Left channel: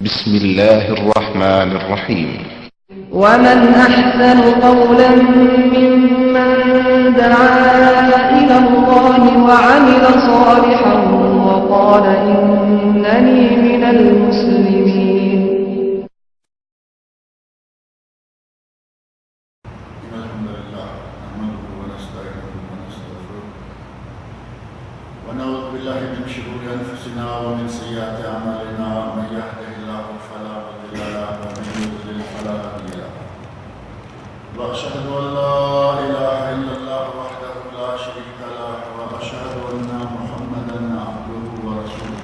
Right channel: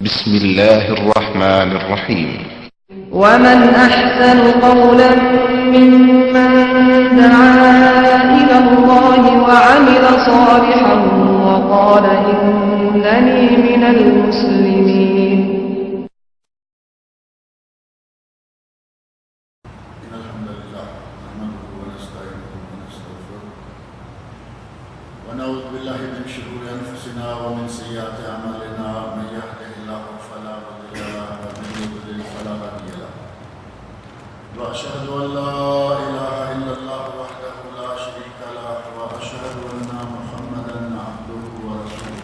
بسم الله الرحمن الرحيم. ومن أحسن قولا ممن دعا إلى الله وعمل صالحا وقال إنني من المسلمين. إن الحمد لله نحمده ونستعينه ونستغفره ونعوذ بالله من شرور أنفسنا ومن سيئات أعمالنا من يهده الله فلا مضل له ومن يضلل فلا هادي له وأشهد أن لا إله إلا الله وحده لا شريك له وأشهد أن محمدا عبده ورسوله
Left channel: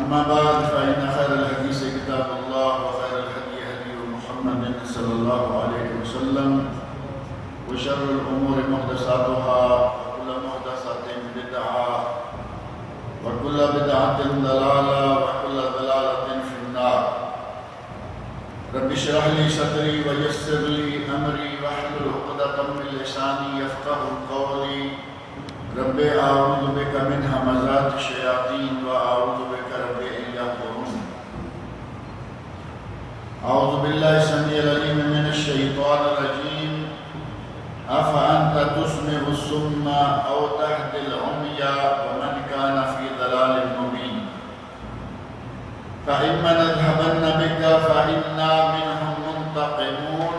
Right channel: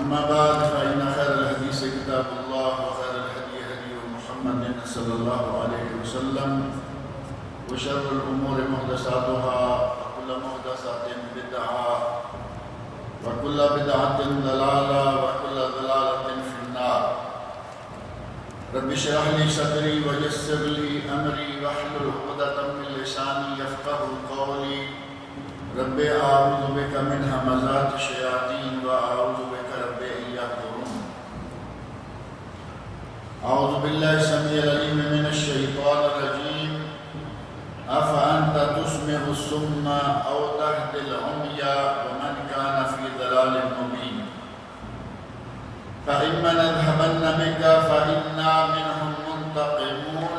أما بعد فإن خير الحديث كتاب الله وخير الهدي هدي محمد صلى الله عليه وسلم وشر الأمور محدثاتها وكل محدثة بدعة وكل بدعة ضلالة وكل ضلالة في النار. رب اشرح لي صدري ويسر لي أمري واحلل عقدة من لساني يفقهوا قولي. رب أعوذ بك من همزات الشياطين وأعوذ بك رب أن يحضرون. أعوذ بالله السميع العليم من الشيطان الرجيم. أفأنت تسمع الصم أو تهدي العمي ومن كان في ضلال مبين. فإما نذهبن بك فإنا منهم منتقمون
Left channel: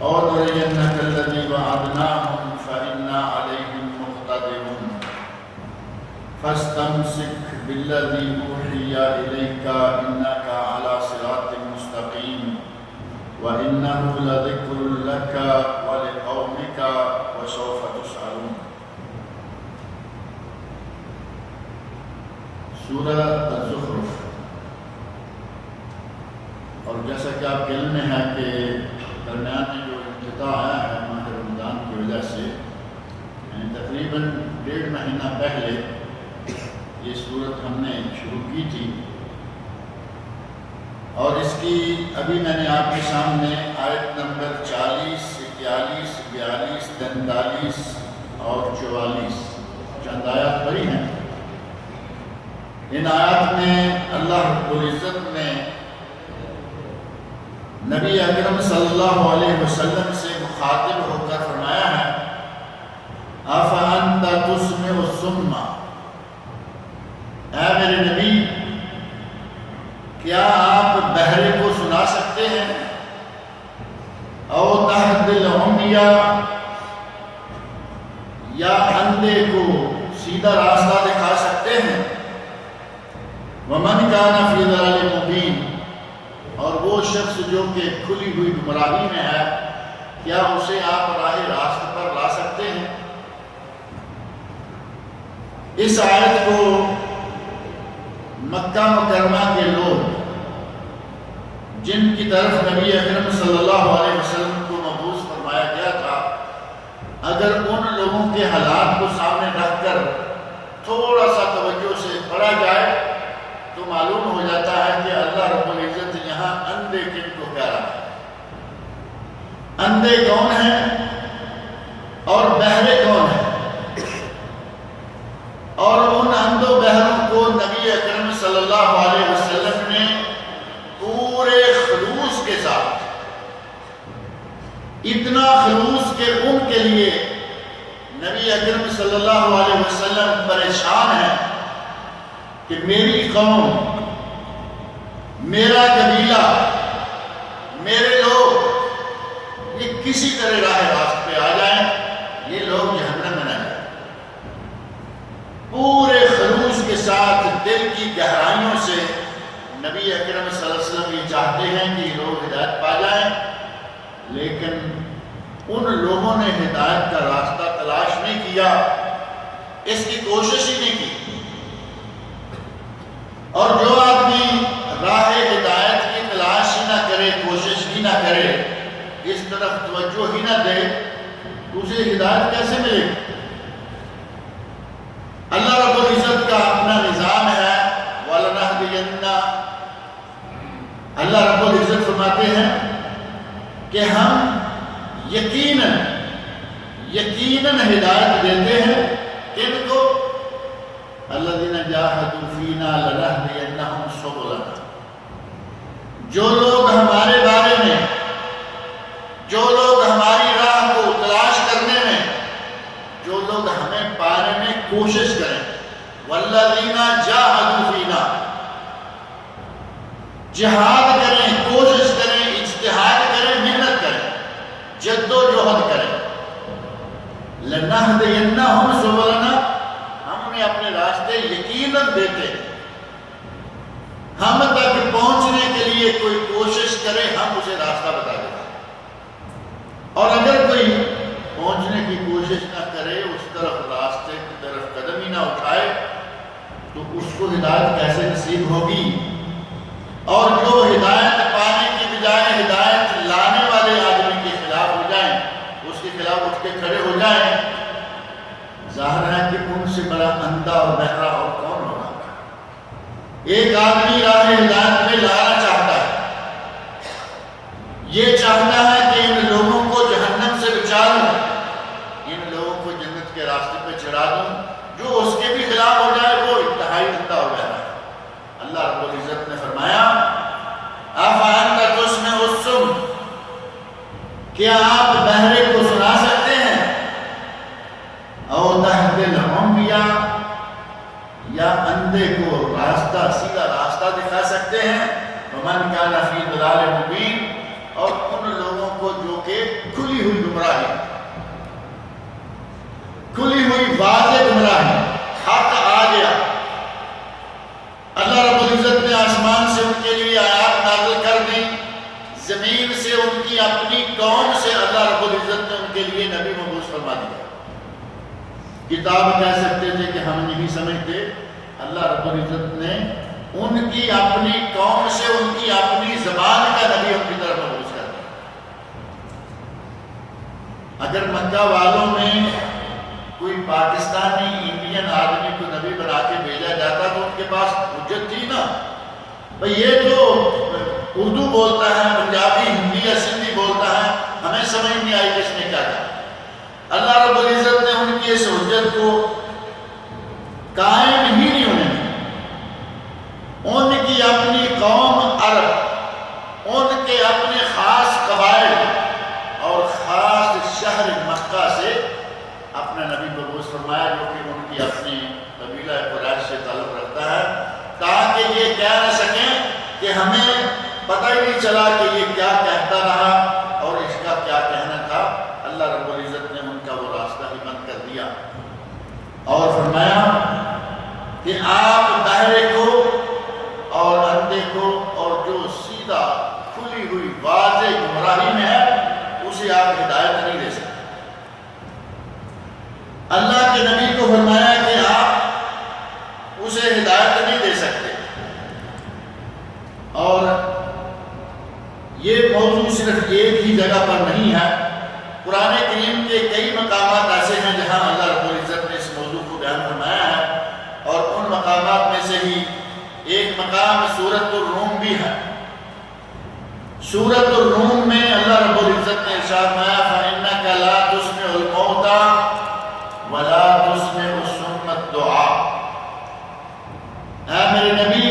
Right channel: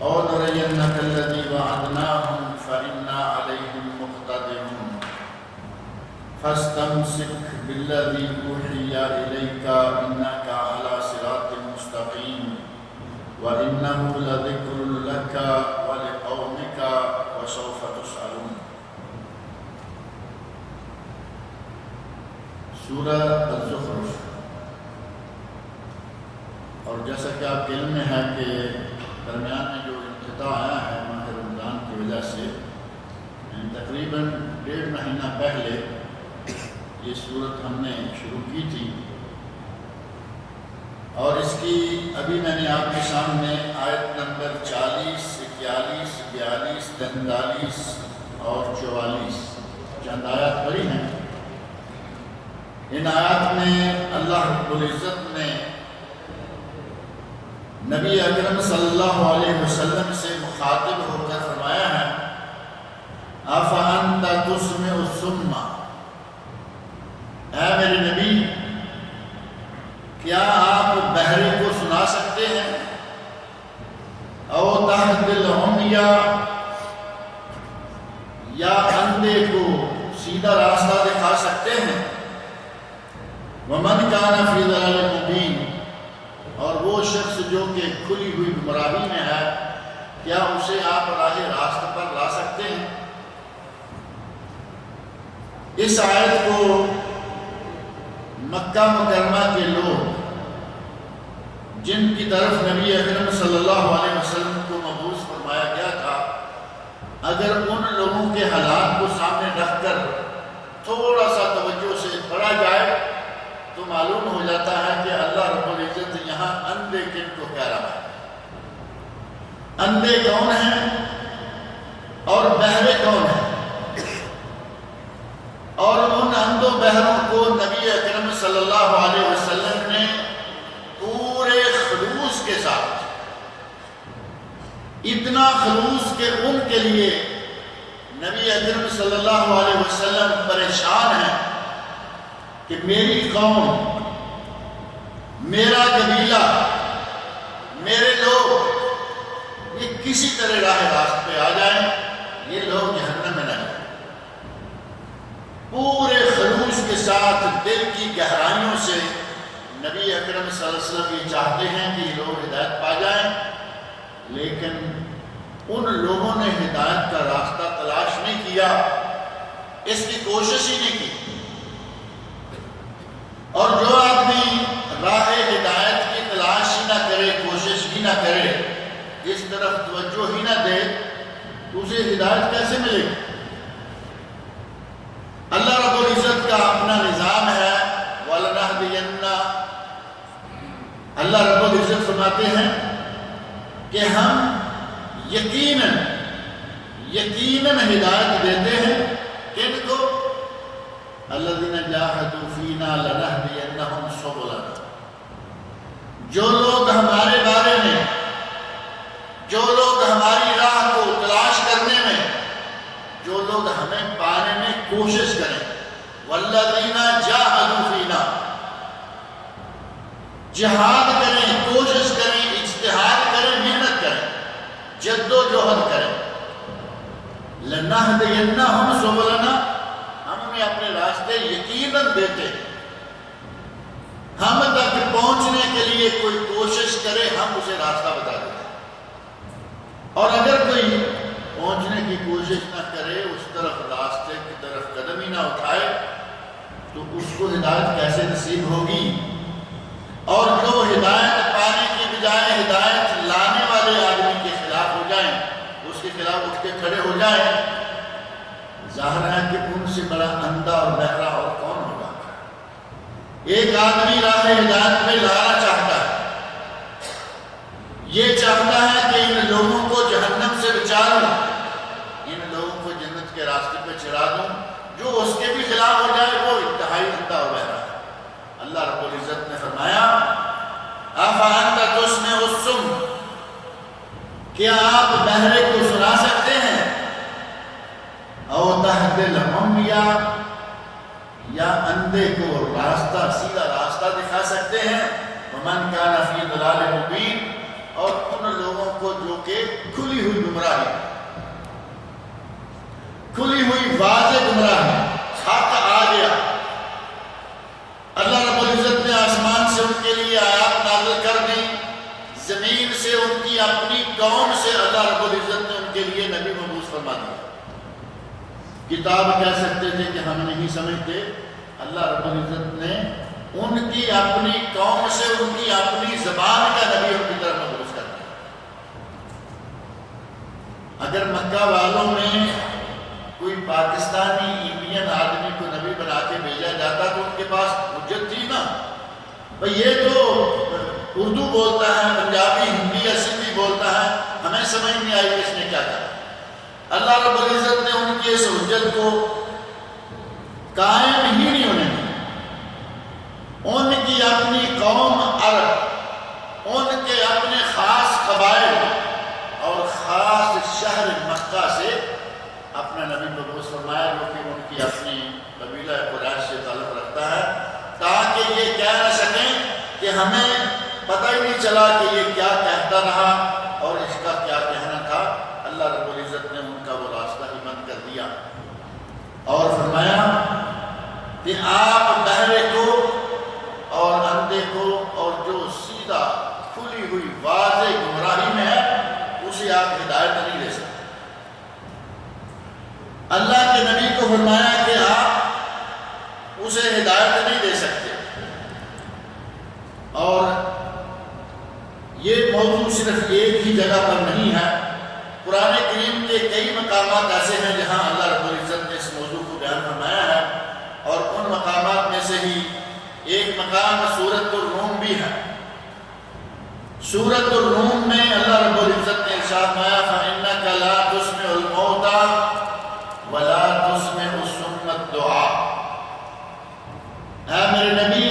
أو نرينك الذي وعدناهم فإنا عليهم مقتدرون. فاستمسك بالذي أوحي إليك إنك على صراط مستقيم وإنه لذكر لك ولقومك وسوف تسألون. سورہ الزخرف. اور جیسا کہ آپ کے علم میں ہے کہ درمیان میں جو انقطاع آیا ہے ماہ رمضان کی وجہ سے، یعنی تقریباً 1.5 مہینہ پہلے یہ صورت ہم نے شروع کی تھی، اور اس کی ابھی میں نے آپ کے سامنے آیت نمبر 40، 41، 42، 43 اور 44 چند آیات پڑھی ہیں. ان آیات میں اللہ رب العزت نے نبی اکرم صلی اللہ علیہ وسلم سے مخاطب ہو کر فرمایا ہے، أَفَأَنْتَ تُسْمِعُ الصُّمَّ، اے میرے نبی کیا آپ بہرے کو سنا سکتے ہیں؟ أَوْ تَهْدِي الْعُمْيَ، یا اندھے کو سیدھا راستہ دکھا سکتے ہیں؟ وَمَنْ كَانَ فِي ضَلَالٍ مُبِينٍ، اور وہ شخص جو کہ کھلی ہوئی گمراہی میں ہے، کیا اسے آپ راہ راست پر لا سکتے ہیں؟ اس آیت کو مکہ مکرمہ کے لوگ جن کی طرف نبی اکرم صلی اللہ علیہ وسلم کو مبعوث فرمایا گیا تھا، اگر ان لوگوں کے حالات کو سامنے رکھ کر تھوڑا سا توجہ سے پڑھا جائے تو معلوم ہو جاتا ہے کہ اللہ رب العزت یہاں اندھے کن کو کہہ رہا ہے، اندھے کون ہیں اور بہرے کون ہیں. اور ان اندھوں بہروں کو نبی اکرم صلی اللہ علیہ وسلم نے پورے خلوص کے ساتھ، اتنا خلوص کہ ان کے لیے نبی اکرم صلی اللہ علیہ وسلم پریشان ہیں کہ میری قوم، میرا قبیلہ، میرے لوگ یہ کسی طرح راہ راست پہ آ جائیں، یہ لوگ جہنم میں نہ جائیں. پورے خلوص کے ساتھ دل کی گہرائیوں سے نبی اکرم صلی اللہ علیہ وسلم یہ چاہتے ہیں کہ یہ لوگ ہدایت پا جائیں، لیکن ان لوگوں نے ہدایت کا راستہ تلاش نہیں کیا، اس کی کوشش ہی نہیں کی. اور جو آدمی راہ ہدایت کی تلاش ہی نہ کرے، کوشش ہی نہ کرے، اس طرف توجہ ہی نہ دے، تو اسے ہدایت کیسے ملے گی؟ اللہ رب العزت کا اپنا نظام ہے، وَلَنَهْدِيَنَّ، اللہ رب العزت فرماتے ہیں کہ ہم یقیناً ہدایت دیتے ہیں کن کو؟ الذین جاہدوا فینا لنہدینہم جو لوگ ہمارے بارے میں، جو لوگ ہماری راہ کو تلاش کرنے میں، جو لوگ ہمیں پانے میں کوشش کریں، والذین جاہدوا فینا، جہاد کریں، کوشش کریں، اجتہاد کریں، محنت کریں، جد و جہد کریں، لنہدینہم سبلنا، ہم انہیں اپنے راستے یقیناً دیتے ہیں۔ ہم تک پہنچنے کے لیے کوئی کوشش کرے ہم اسے راستہ بتا دیتے ہیں، اور اگر کوئی پہنچنے کی کوشش نہ کرے، اس طرف راستے کی طرف قدم ہی نہ اٹھائے، تو اس کو ہدایت کیسے نصیب ہوگی؟ اور جو ہدایت پانے کی بجائے ہدایت لانے والے آدمی کے خلاف ہو جائیں، اس کے خلاف اٹھ کے کھڑے ہو جائیں، ظاہر ہے کہ ان سے بڑا اندھا اور بہرا اور کون ہوگا؟ ایک آدمی راہ ہدایت میں لانا چاہتا ہے، یہ چاہتا ہے کہ ان لوگوں کو جہنم سے بچا لوں، ان لوگوں کو جنت کے راستے پہ چڑھا دوں، جو اس کے بھی خلاف ہو جائے وہ انتہائی اندھا اور بہرا ہے۔ اللہ رب العزت نے فرمایا افانت تسمع الصم، کیا آپ بہرے کو سنا سکتے ہیں؟ او تہدی العمی، یا اندھے کو راستہ، سیدھا راستہ دکھا سکتے ہیں؟ ومن کان فی ضلال مبین، اور ان لوگوں کو جو کہ کھلی ہوئی گمراہی، کھلی ہوئی واضح گمراہی، حق آ گیا، اللہ رب العزت نے آسمان سے ان کے لیے آیات نازل کر دی، زمین سے ان کی اپنی قوم سے اللہ رب العزت نے ان کے لیے نبی مبعوث فرما دیا۔ کتاب کہہ سکتے تھے کہ ہم نہیں سمجھتے، اللہ رب العزت نے ان کی اپنی قوم سے ان کی اپنی زبان کا نبی ان کی طرف مبعوث کر دیا۔ اگر مکہ والوں میں کوئی پاکستانی انڈین آدمی کو نبی بنا کے بھیجا جاتا تو ان کے پاس حجت تھی نا، بھئی یہ تو اردو بولتا ہے، پنجابی، ہندی یا سندھی بولتا ہے، ہمیں سمجھ نہیں آئی کس نے کیا کہا۔ اللہ رب العزت نے ان کی اس حجت کو قائم ہی نہیں ہونے دی۔ ان کی اپنی قوم عرب، ان کے اپنے خاص قبائل اور خاص شہر مکہ سے اپنا نبی مبعوث فرمایا، جو کہ ان کی اپنی قبیلہ قریش سے تعلق رکھتا ہے، تاکہ یہ کہہ نہ سکیں کہ ہمیں پتہ ہی نہیں چلا کہ یہ کیا کہتا رہا اور اس کا کیا کہنا تھا۔ اللہ رب العزت نے ان کا وہ راستہ ہی بند کر دیا اور فرمایا کہ آپ بہرے کو اور اندھے کو اور جو سیدھا کھلی ہوئی واضح گمراہی میں ہے اسے آپ ہدایت نہیں دے سکتے۔ اللہ کے نبی کو فرمایا کہ آپ اسے ہدایت نہیں دے سکتے۔ اور یہ موضوع صرف ایک ہی جگہ پر نہیں ہے، قرآن کریم کے کئی مقامات ایسے ہیں جہاں اللہ رب العزت نے اس موضوع کو بیان فرمایا ہے، اور ان مقامات میں سے ہی ایک مقام سورۃ الروم بھی ہے۔ سورۃ الروم میں اللہ رب العزت نے ارشاد فرمایا فَإِنَّكَ لَا تُسْمِعُ الْمَوْتَى وَلَا تُسْمِعُ الصُّمَّ الدُّعَاءَ، اے میرے نبی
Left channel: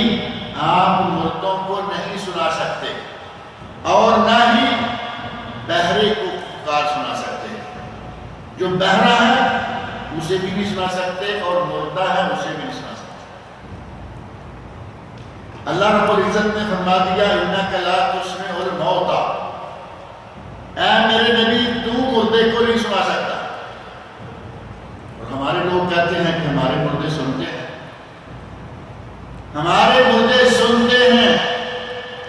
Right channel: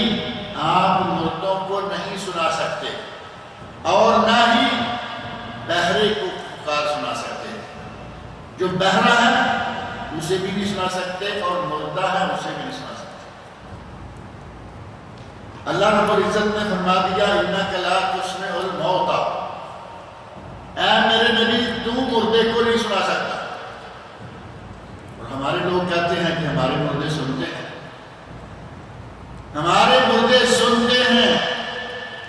آپ مردوں کو نہیں سنا سکتے اور نہ ہی بہرے کو پکار سنا سکتے۔ جو بہرا ہے اسے بھی نہیں سنا سکتے اور مردہ ہے اسے بھی نہیں سنا سکتے۔ اللہ رب العزت نے فرما دیا اِنَّكَ لَا تُسْمِعُ الْمَوْتَى، اے میرے نبی تو مردے کو نہیں سنا سکتا۔ اور ہمارے لوگ کہتے ہیں کہ ہمارے مردے سنتے ہیں، ہمارے مردے سنتے ہیں،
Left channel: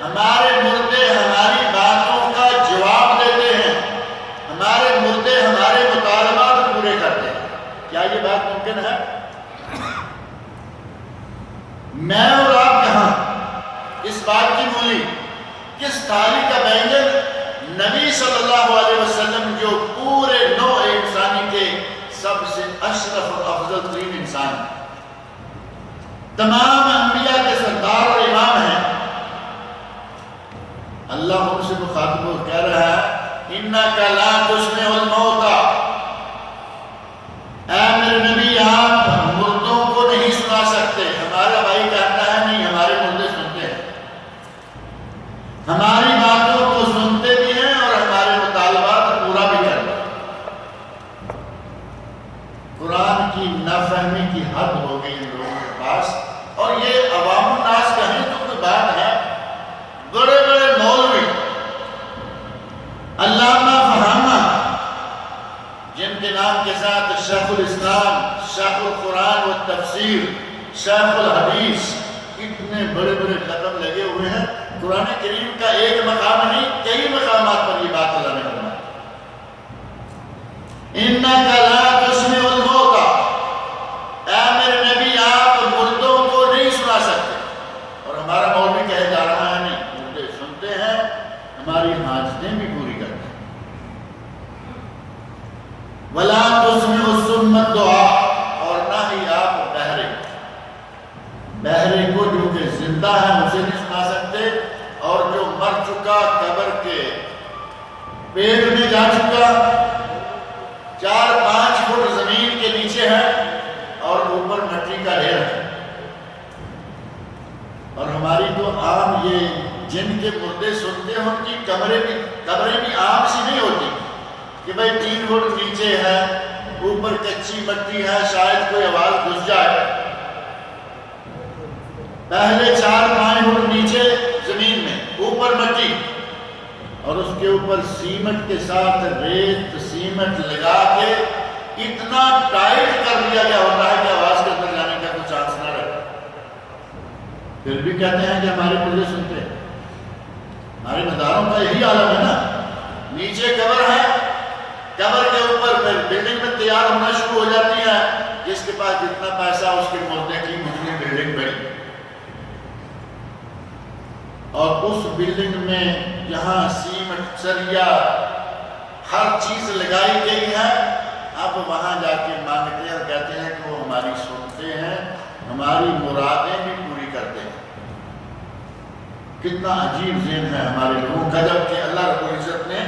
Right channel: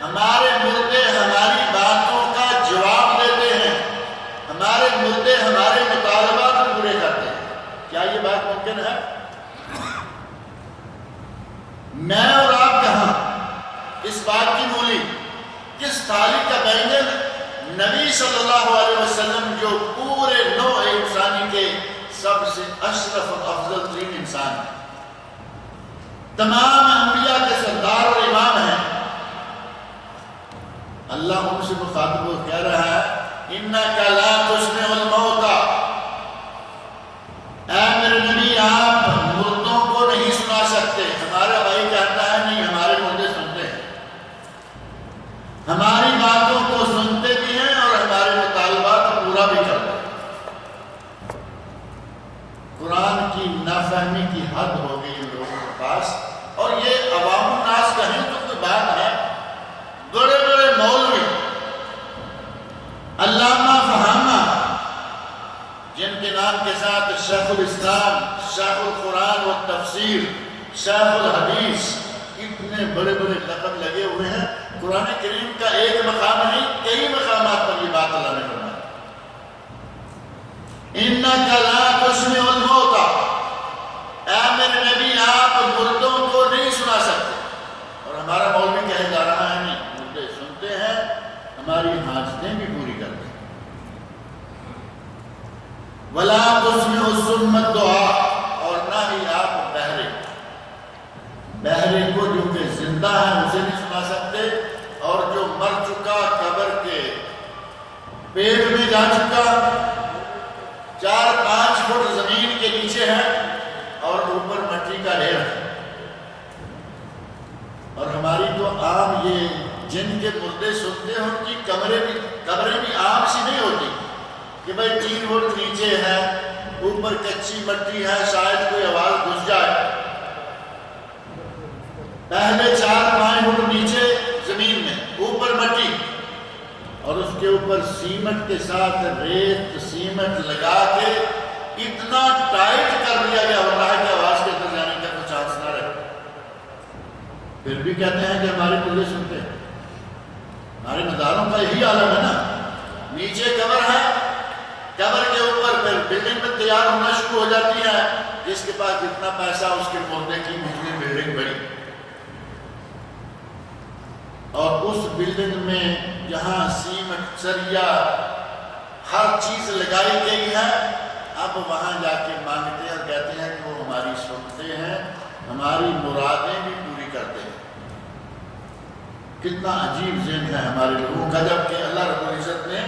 ہمارے مردے ہماری باتوں کا جواب دیتے ہیں، ہمارے مردے ہمارے مطالبات پورے کرتے ہیں۔ کیا یہ بات ممکن ہے؟ میں اور آپ کہاں؟ اس بات کی مولی کس تھالی کا بینگن نبی صلی اللہ علیہ وسلم جو پورے نوع انسانی کے سب سے اشرف اور افضل ترین انسان ہیں، تمام انبیاء کے سردار اور امام ہیں، اللہ ان سے مخاطب ہو کہہ رہا ہے اِنَّكَ لَا تُسْمِعُ الْمَوْتَى، اے میرے نبی آپ مردوں کو نہیں سنا سکتے۔ ہمارا بھائی کہتا ہے نہیں ہمارے مردے سنتے ہیں، الاسلام، شیخ القرآن و تفسیر، شیخ الحدیث، اتنے بڑے بڑے لقب لگے ہوئے ہیں۔ قرآن کریم کا ایک مقام نہیں، کئی مقامات پر یہ بات اللہ نے فرمائی، اِنَّكَ لَا تُسْمِعُ الْمَوْتَى، اے میرے نبی آپ مردوں کو نہیں سنا سکتے۔ اور ہمارا مولوی کہے جا رہا ہے نہیں، مردے سنتے ہیں، ہماری حاجتیں بھی پوری کرتے ہیں۔ وَلَا تُسْمِعُ الصُّمَّ الدُّعَاء، اور نہ ہی آپ بہرے کو جو کہ زندہ ہے اسے نہیں سنا سکتے، اور جو مر چکا قبر کے پیٹ میں جا چکا 4-5 فٹ زمین کے نیچے ہے اور اوپر مٹی کا ڈھیر ہے۔ اور ہماری تو عام یہ جن کے مردے سنتے ہیں ان کی قبریں بھی عام سی نہیں ہوتی کہ بھئی 3 فٹ نیچے ہے، اوپر کچی مٹی ہے، شاید کوئی آواز گھس جائے۔ پہلے 4-5 فٹ نیچے زمین میں، اوپر مٹی، اور اس کے اوپر سیمنٹ کے ساتھ ریت سیمنٹ لگا کے اتنا ٹائٹ کر دیا گیا ہوتا ہے کہ آواز کے اندر جانے کا کوئی چانس نہ رہے۔ پھر بھی کہتے ہیں کہ ہمارے مردے سنتے ہیں۔ ہمارے مزاروں کا یہی عالم ہے نا، نیچے قبر ہے، قبر کے اوپر پھر بلڈنگ میں تیار ہونا شروع ہو جاتی ہے، جس کے پاس جتنا پیسہ اس کے مردے کی اتنی بلڈنگ بڑی، اور اس بلڈنگ میں جہاں سیمنٹ سریا ہر چیز لگائی گئی ہے، اب وہاں جا کے مانگتے ہیں اور کہتے ہیں کہ وہ ہماری سنتے ہیں، ہماری مرادیں بھی پوری کرتے ہیں۔ کتنا عجیب ذہن ہے ہمارے لوگوں کا، جب کہ اللہ رب العزت نے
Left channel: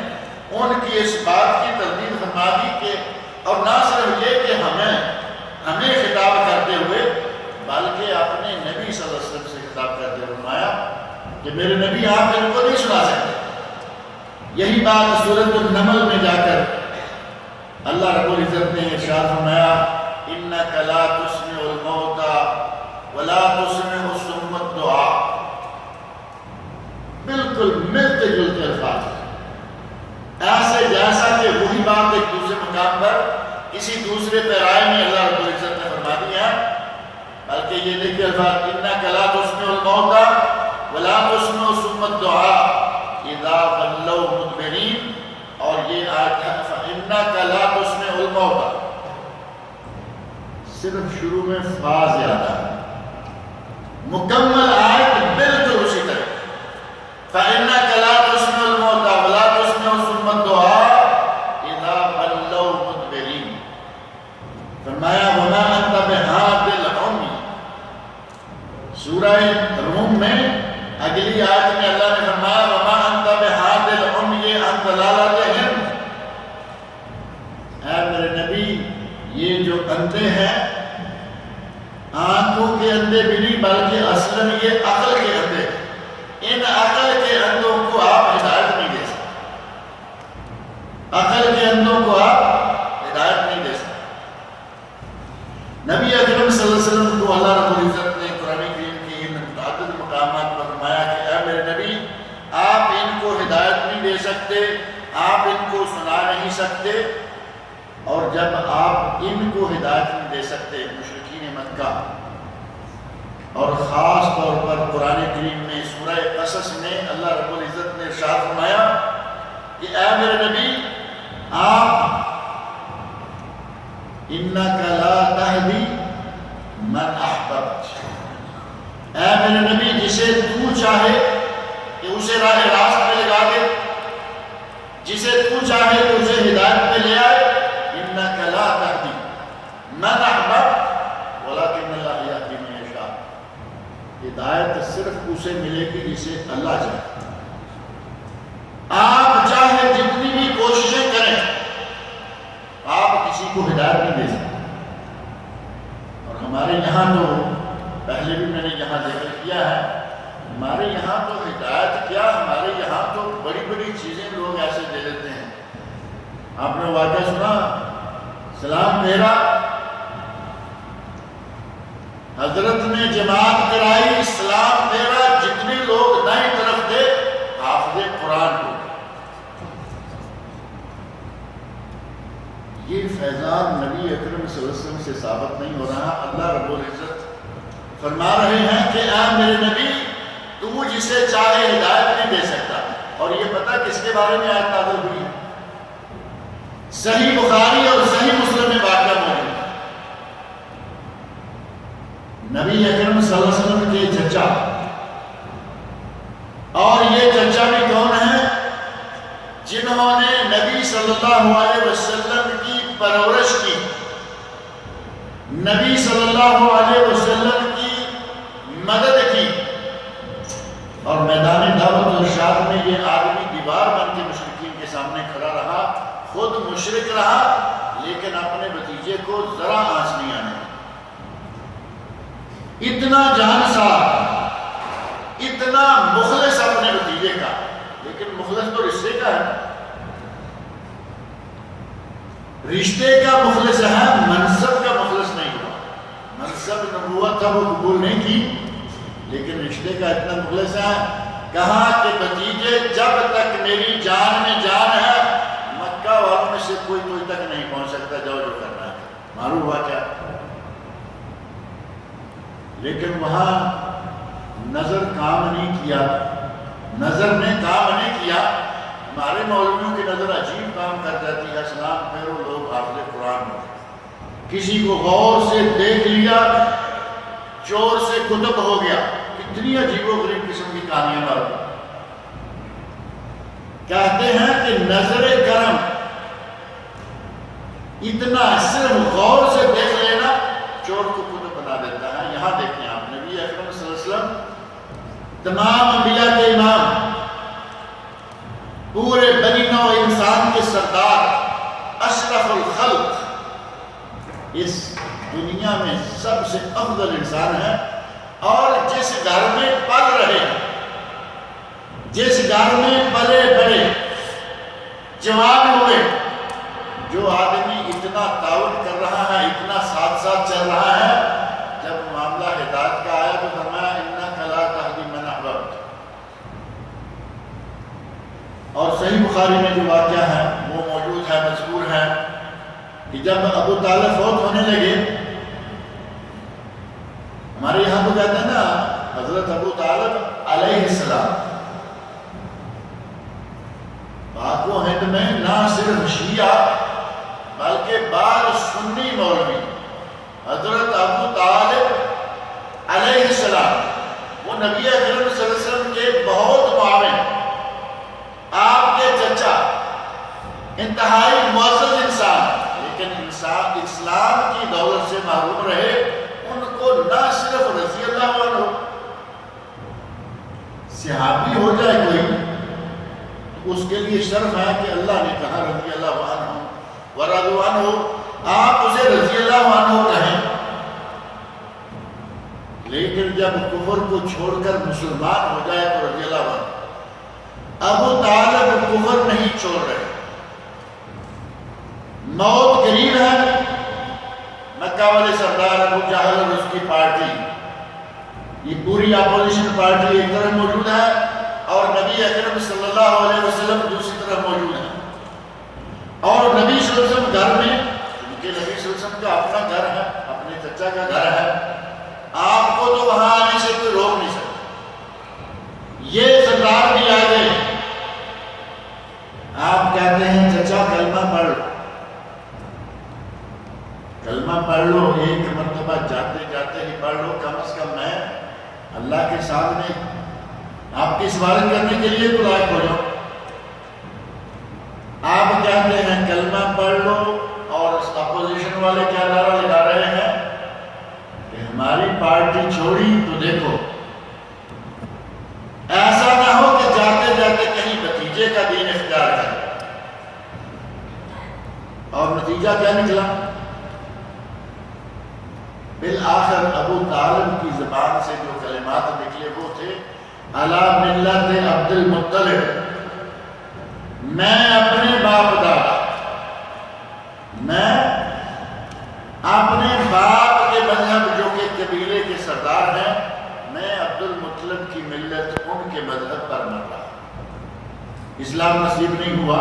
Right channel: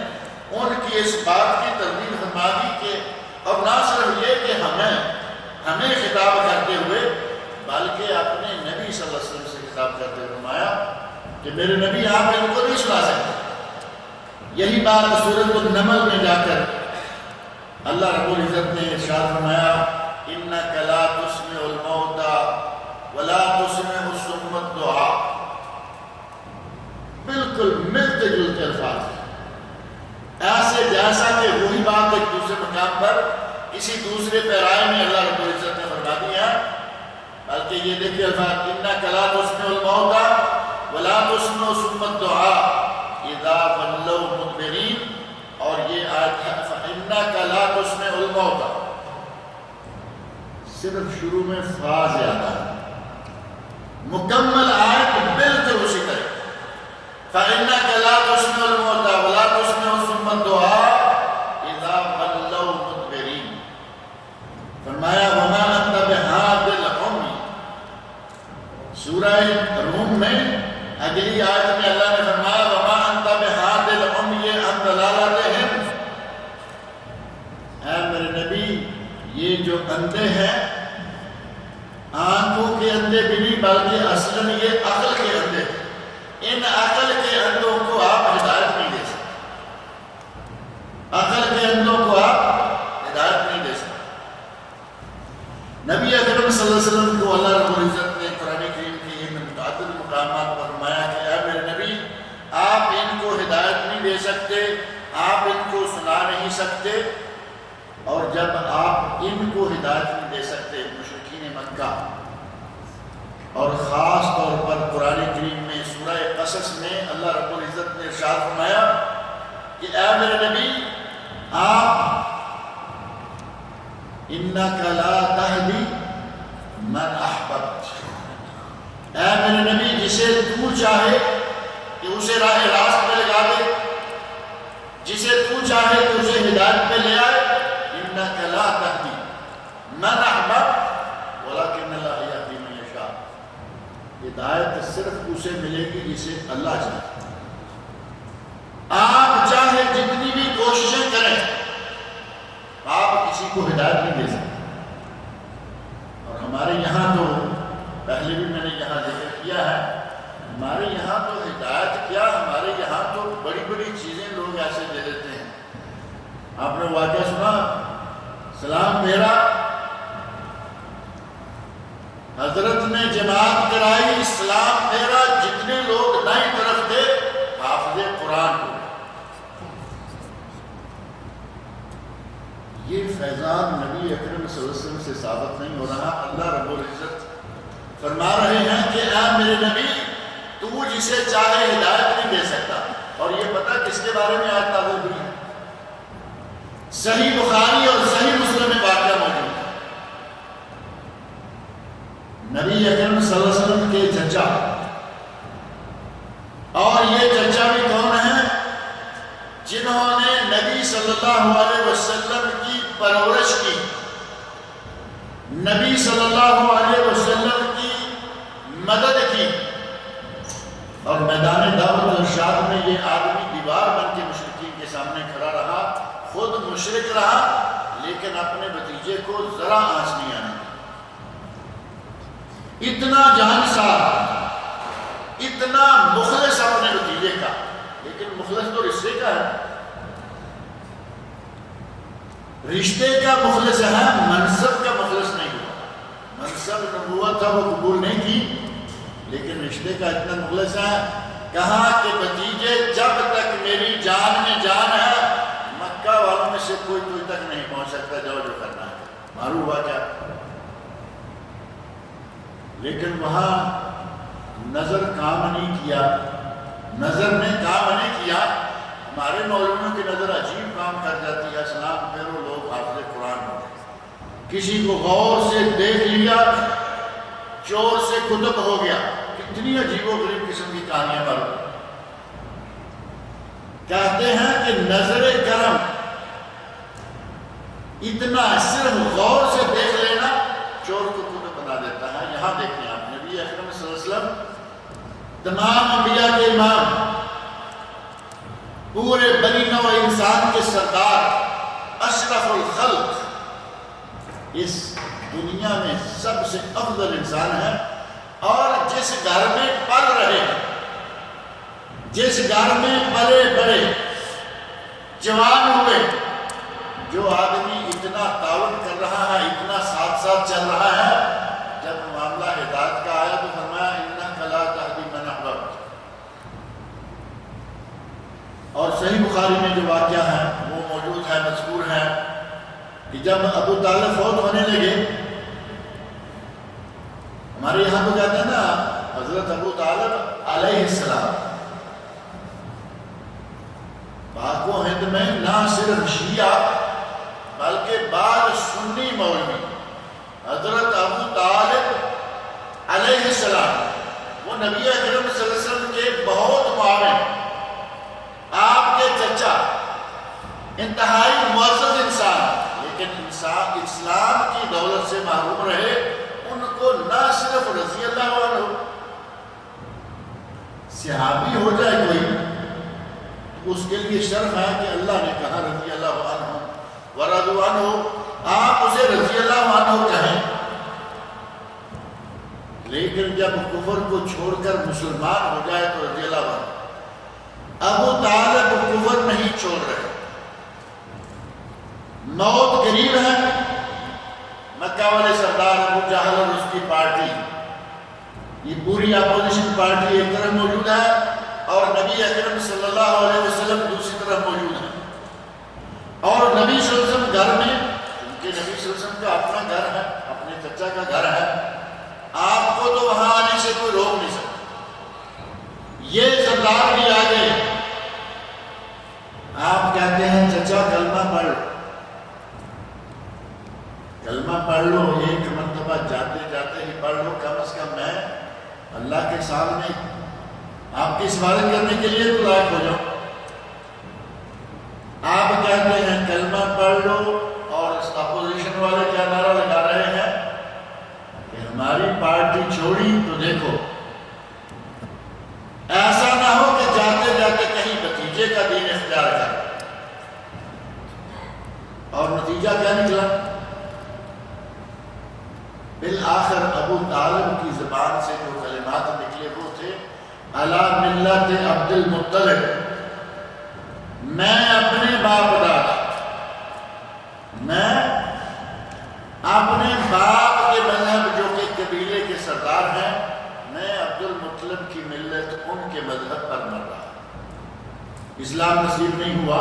ان کی اس بات کی تردید فرما دی کہ اب نہ صرف یہ کہ ہمیں خطاب کرتے ہوئے، بلکہ اپنے نبی صلی اللہ علیہ وسلم سے خطاب کرتے ہوئے فرمایا کہ میرے نبی آپ ان کو نہیں سنا سکتے۔ یہی بات سورۃ النمل میں جا کر اللہ رب العزت نے ارشاد فرمایا، اِنَّكَ لَا تُسْمِعُ الْمَوْتَى وَلَا تُسْمِعُ الصُّمَّ الدُّعَاء، بالکل ملتے جلتے الفاظ، ایسے جیسا کہ وہی بات ایک دوسرے مقام پر کسی دوسرے پیرائے میں اللہ رب العزت نے فرما دیا، بلکہ یہ دیکھیں الفاظ، اِنَّكَ لَا تُسْمِعُ الْمَوْتَى وَلَا تُسْمِعُ الصُّمَّ الدُّعَاء اِذَا وَلَّوْا مُدْبِرِينَ، اور یہ آیت ہے فَإِنَّكَ لَا تُسْمِعُ الْمَوْتَى، صرف شروع میں فا زیادہ ہے، مکمل آیت بالکل اسی طرح، فَإِنَّكَ لَا تُسْمِعُ الْمَوْتَى وَلَا تُسْمِعُ الصُّمَّ الدُّعَاء اِذَا وَلَّوْا مُدْبِرِينَ۔ فرمایا وَمَا أَنْتَ بِهَادِ الْعُمْيِ، سورہ روم میں اگلی آیت میں اللہ نے فرمایا وَمَا أَنْتَ بِهَادِ الْعُمْيِ عَنْ ضَلَالَتِهِمْ، اے میرے نبی یہ جو اندھے ہیں، آنکھوں کے اندھے بھی نہیں بلکہ اصلاً یہ عقل کے اندھے، ان عقل کے اندھوں کو آپ ہدایت نہیں دے سکتے، عقل کے اندھوں کو آپ ہدایت نہیں دے سکتے۔ نبی اکرم صلی اللہ علیہ وسلم کو اللہ رب العزت نے قرآن کریم کے ان متعدد مقامات پر فرمایا کہ اے میرے نبی آپ ان کو ہدایت نہیں دے سکتے، آپ ان کو سنا نہیں سکتے، اور جب آپ ان کو ہدایت نہیں دے سکتے، مشرکین مکہ اور خاص طور پر قرآن کریم میں سورہ قصص میں اللہ رب العزت نے ارشاد فرمایا کہ اے میرے نبی آپ اِنَّكَ لَا تَهْدِي مَنْ أَحْبَبْتَ، اے میرے نبی جسے تو چاہے کہ اسے راہ راست پہ لگا دے، جسے تو چاہے کہ اسے ہدایت پہ لے آئے، اِنَّكَ لَا تَهْدِي مَنْ أَحْبَبْتَ وَلَكِنَّ اللَّهَ يَهْدِي مَن يَشَاءُ، ہدایت صرف اسے ملے گی جسے اللہ چاہے۔ آپ چاہے جتنی بھی کوششیں کریں آپ کسی کو ہدایت نہیں دے سکتے، اور ہمارے یہاں تو پہلے بھی میں نے یہاں ذکر کیا ہے، ہمارے یہاں تو ہدایت کیا، ہمارے یہاں تو بڑی بڑی چیزیں لوگ ایسے دے دیتے ہیں۔ آپ نے واقعہ سنا، سلام پھیرا، حضرت نے جماعت کرائی، سلام پھیرا، جتنے لوگ دائیں طرف تھے حافظ قرآن کو، یہ فیضان نبی اکرم صلی اللہ علیہ وسلم سے ثابت نہیں ہو رہا. اللہ رب العزت فرما رہے ہیں کہ اے میرے نبی تو جسے چاہے ہدایت نہیں دے سکتا. اور یہ پتہ کس کے بارے میں آیت نازل ہوئی ہے؟ صحیح بخاری اور صحیح مسلم میں واقعہ موجود ہے. نبی اکرم صلی اللہ علیہ وسلم کے چچا، اور یہ چچا بھی کون ہیں؟ جنہوں نے نبی صلی اللہ علیہ وسلم کی پرورش کی، نبی صلی اللہ علیہ وسلم کی مدد کی. اور میدان دعوت و ارشاد میں یہ آدمی دیوار بن کے مشرکین کے سامنے کھڑا رہا، خود مشرک رہا لیکن اپنے بھتیجے کو ذرا آنچ نہیں آنے دی. اتنا جہانسار، اتنا مخلص اپنے بھتیجے کا، لیکن مخلص تو رشتے کا ہے، رشتے کا مخلص ہے، منصب کا مخلص نہیں ہوا. منصب نبوت تھا وہ قبول نہیں کی، لیکن رشتے کا اتنا مخلص ہے. کہا کہ بھتیجے جب تک میری جان میں جان ہے مکہ والوں میں سے کوئی تجھ تک نہیں پہنچ سکتا، جاؤ جو کرنا ہے. معلوم ہوا کیا؟ لیکن وہاں نظر کام نہیں کیا، نظر نے کام نہیں کیا. ہمارے مولویوں کی نظر عجیب کام کر جاتی ہے. اسلام پھر وہ لوگ حافظ قرآن ہو گئے، کسی کو غور سے دیکھ لیا چور سے کتب ہو گیا. کتنی عجیب و غریب قسم کی کہانیاں معلوم. کہتے ہیں کہ نظر کرم اتنا صرف غور سے دیکھ لینا چور کو کتب بنا دیتا ہے. یہاں دیکھیں آپ، نبی اکرم صلی اللہ علیہ وسلم تمام انبیاء کے امام، پورے بنی نوع انسان کے سردار، اشرف الخلق، اس دنیا میں سب سے افضل انسان ہے. اور جس گھر میں پل رہے، جس گھر میں پلے بڑے، جوان ہوئے، جو آدمی اتنا تعاون کر رہا ہے، اتنا ساتھ ساتھ چل رہا ہے، جب معاملہ ہدایت کا آیا تو فرمایا انک لا تہدی من احببت. اور صحیح بخاری میں جو واقعہ ہے وہ موجود ہے، مذکور ہے کہ جب ابو طالب فوت ہونے لگے، ہمارے یہاں تو کہتے ہیں نا حضرت ابو طالب علیہ السلام، پاک و ہند میں نہ صرف شیعہ بلکہ بعض سنی مولوی حضرت ابو طالب علیہ السلام، وہ نبی اکرم صلی اللہ علیہ وسلم کے بہت معاون، آپ کے چچا، انتہائی معزز انسان، لیکن اسلام کی دولت سے محروم رہے. ان کو نہ صرف رضی اللہ عنہ صحابی ہو جائے کوئی تو اس کے لیے شرف ہے کہ اللہ نے کہا رضی اللہ عنہ ورضوا عنہ، آپ اسے رضی اللہ عنہ کہیں. لیکن جب کفر کو چھوڑ کر مسلمان ہو جائے تو رضی اللہ عنہ. ابو طالب کفر نہیں چھوڑ رہے، موت قریب ہے. مکہ والے سردار ابو جہل اور اس کی پارٹی، یہ پوری اپوزیشن پارٹی ایک طرف موجود ہے اور نبی اکرم صلی اللہ علیہ وسلم دوسری طرف موجود ہے. اور نبی صلی اللہ علیہ وسلم گھر میں، کیونکہ نبی صلی اللہ علیہ وسلم کا اپنا گھر ہے، اپنے چچا کا گھر ہے، آپ کو تو وہاں آنے سے کوئی روک نہیں سکتا. یہ سردار بھی آ گئے، آپ کہتے ہیں چچا کلمہ پڑھ لو، کلمہ پڑھ لو، ایک مرتبہ جاتے جاتے ہی پڑھ لو، کم از کم میں اللہ کے سامنے آپ کی سفارت کرنے کے لیے تو لائق ہو جاؤ. آپ کہتے ہیں کلمہ پڑھ لو، اور اپوزیشن والے کیا نعرہ لگا رہے ہیں کہ ہماری پارٹی چھوڑی تو دیکھو ایسا نہ ہو کہ جاتے جاتے کہیں بھتیجے کا دین اختیار کرے. اور نتیجہ کیا نکلا؟ بالآخر ابو طالب کی زبان سے جو کلمات نکلے وہ تھے علی ملت عبد المطلب، میں اپنے باپ دادا، میں اپنے باپ کے مذہب جو کہ قبیلے کے سردار ہیں، میں عبد المطلب کی ملت ان کے مذہب پر مر رہا. اسلام نصیب نہیں ہوا.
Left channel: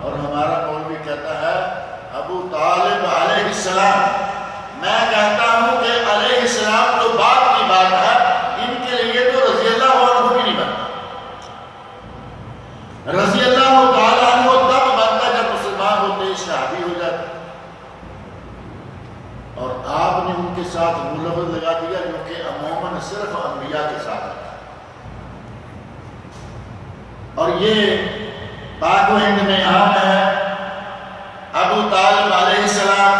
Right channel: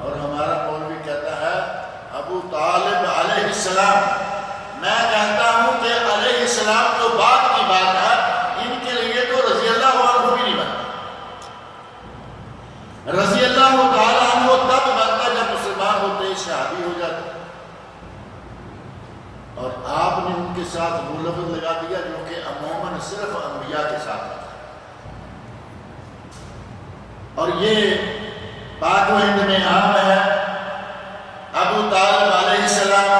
اور ہمارا مولوی کہتا ہے ابو طالب علیہ السلام، میں کہتا ہوں کہ علیہ السلام تو بعد کی بات ہے، ان کے لیے تو رضی اللہ عنہ بھی نہیں بنتا۔ رضی اللہ تعالیٰ عنہ تب بنتا جب مسلمان ہوتے شہادی ہو جاتے، اور آپ نے ان کے ساتھ وہ لفظ لگا دیا جو کہ عموماً صرف انبیاء کے ساتھ ہوتا ہے، اور یہ پاک و ہند میں عام ہے۔ ابو طالب علیہ السلام،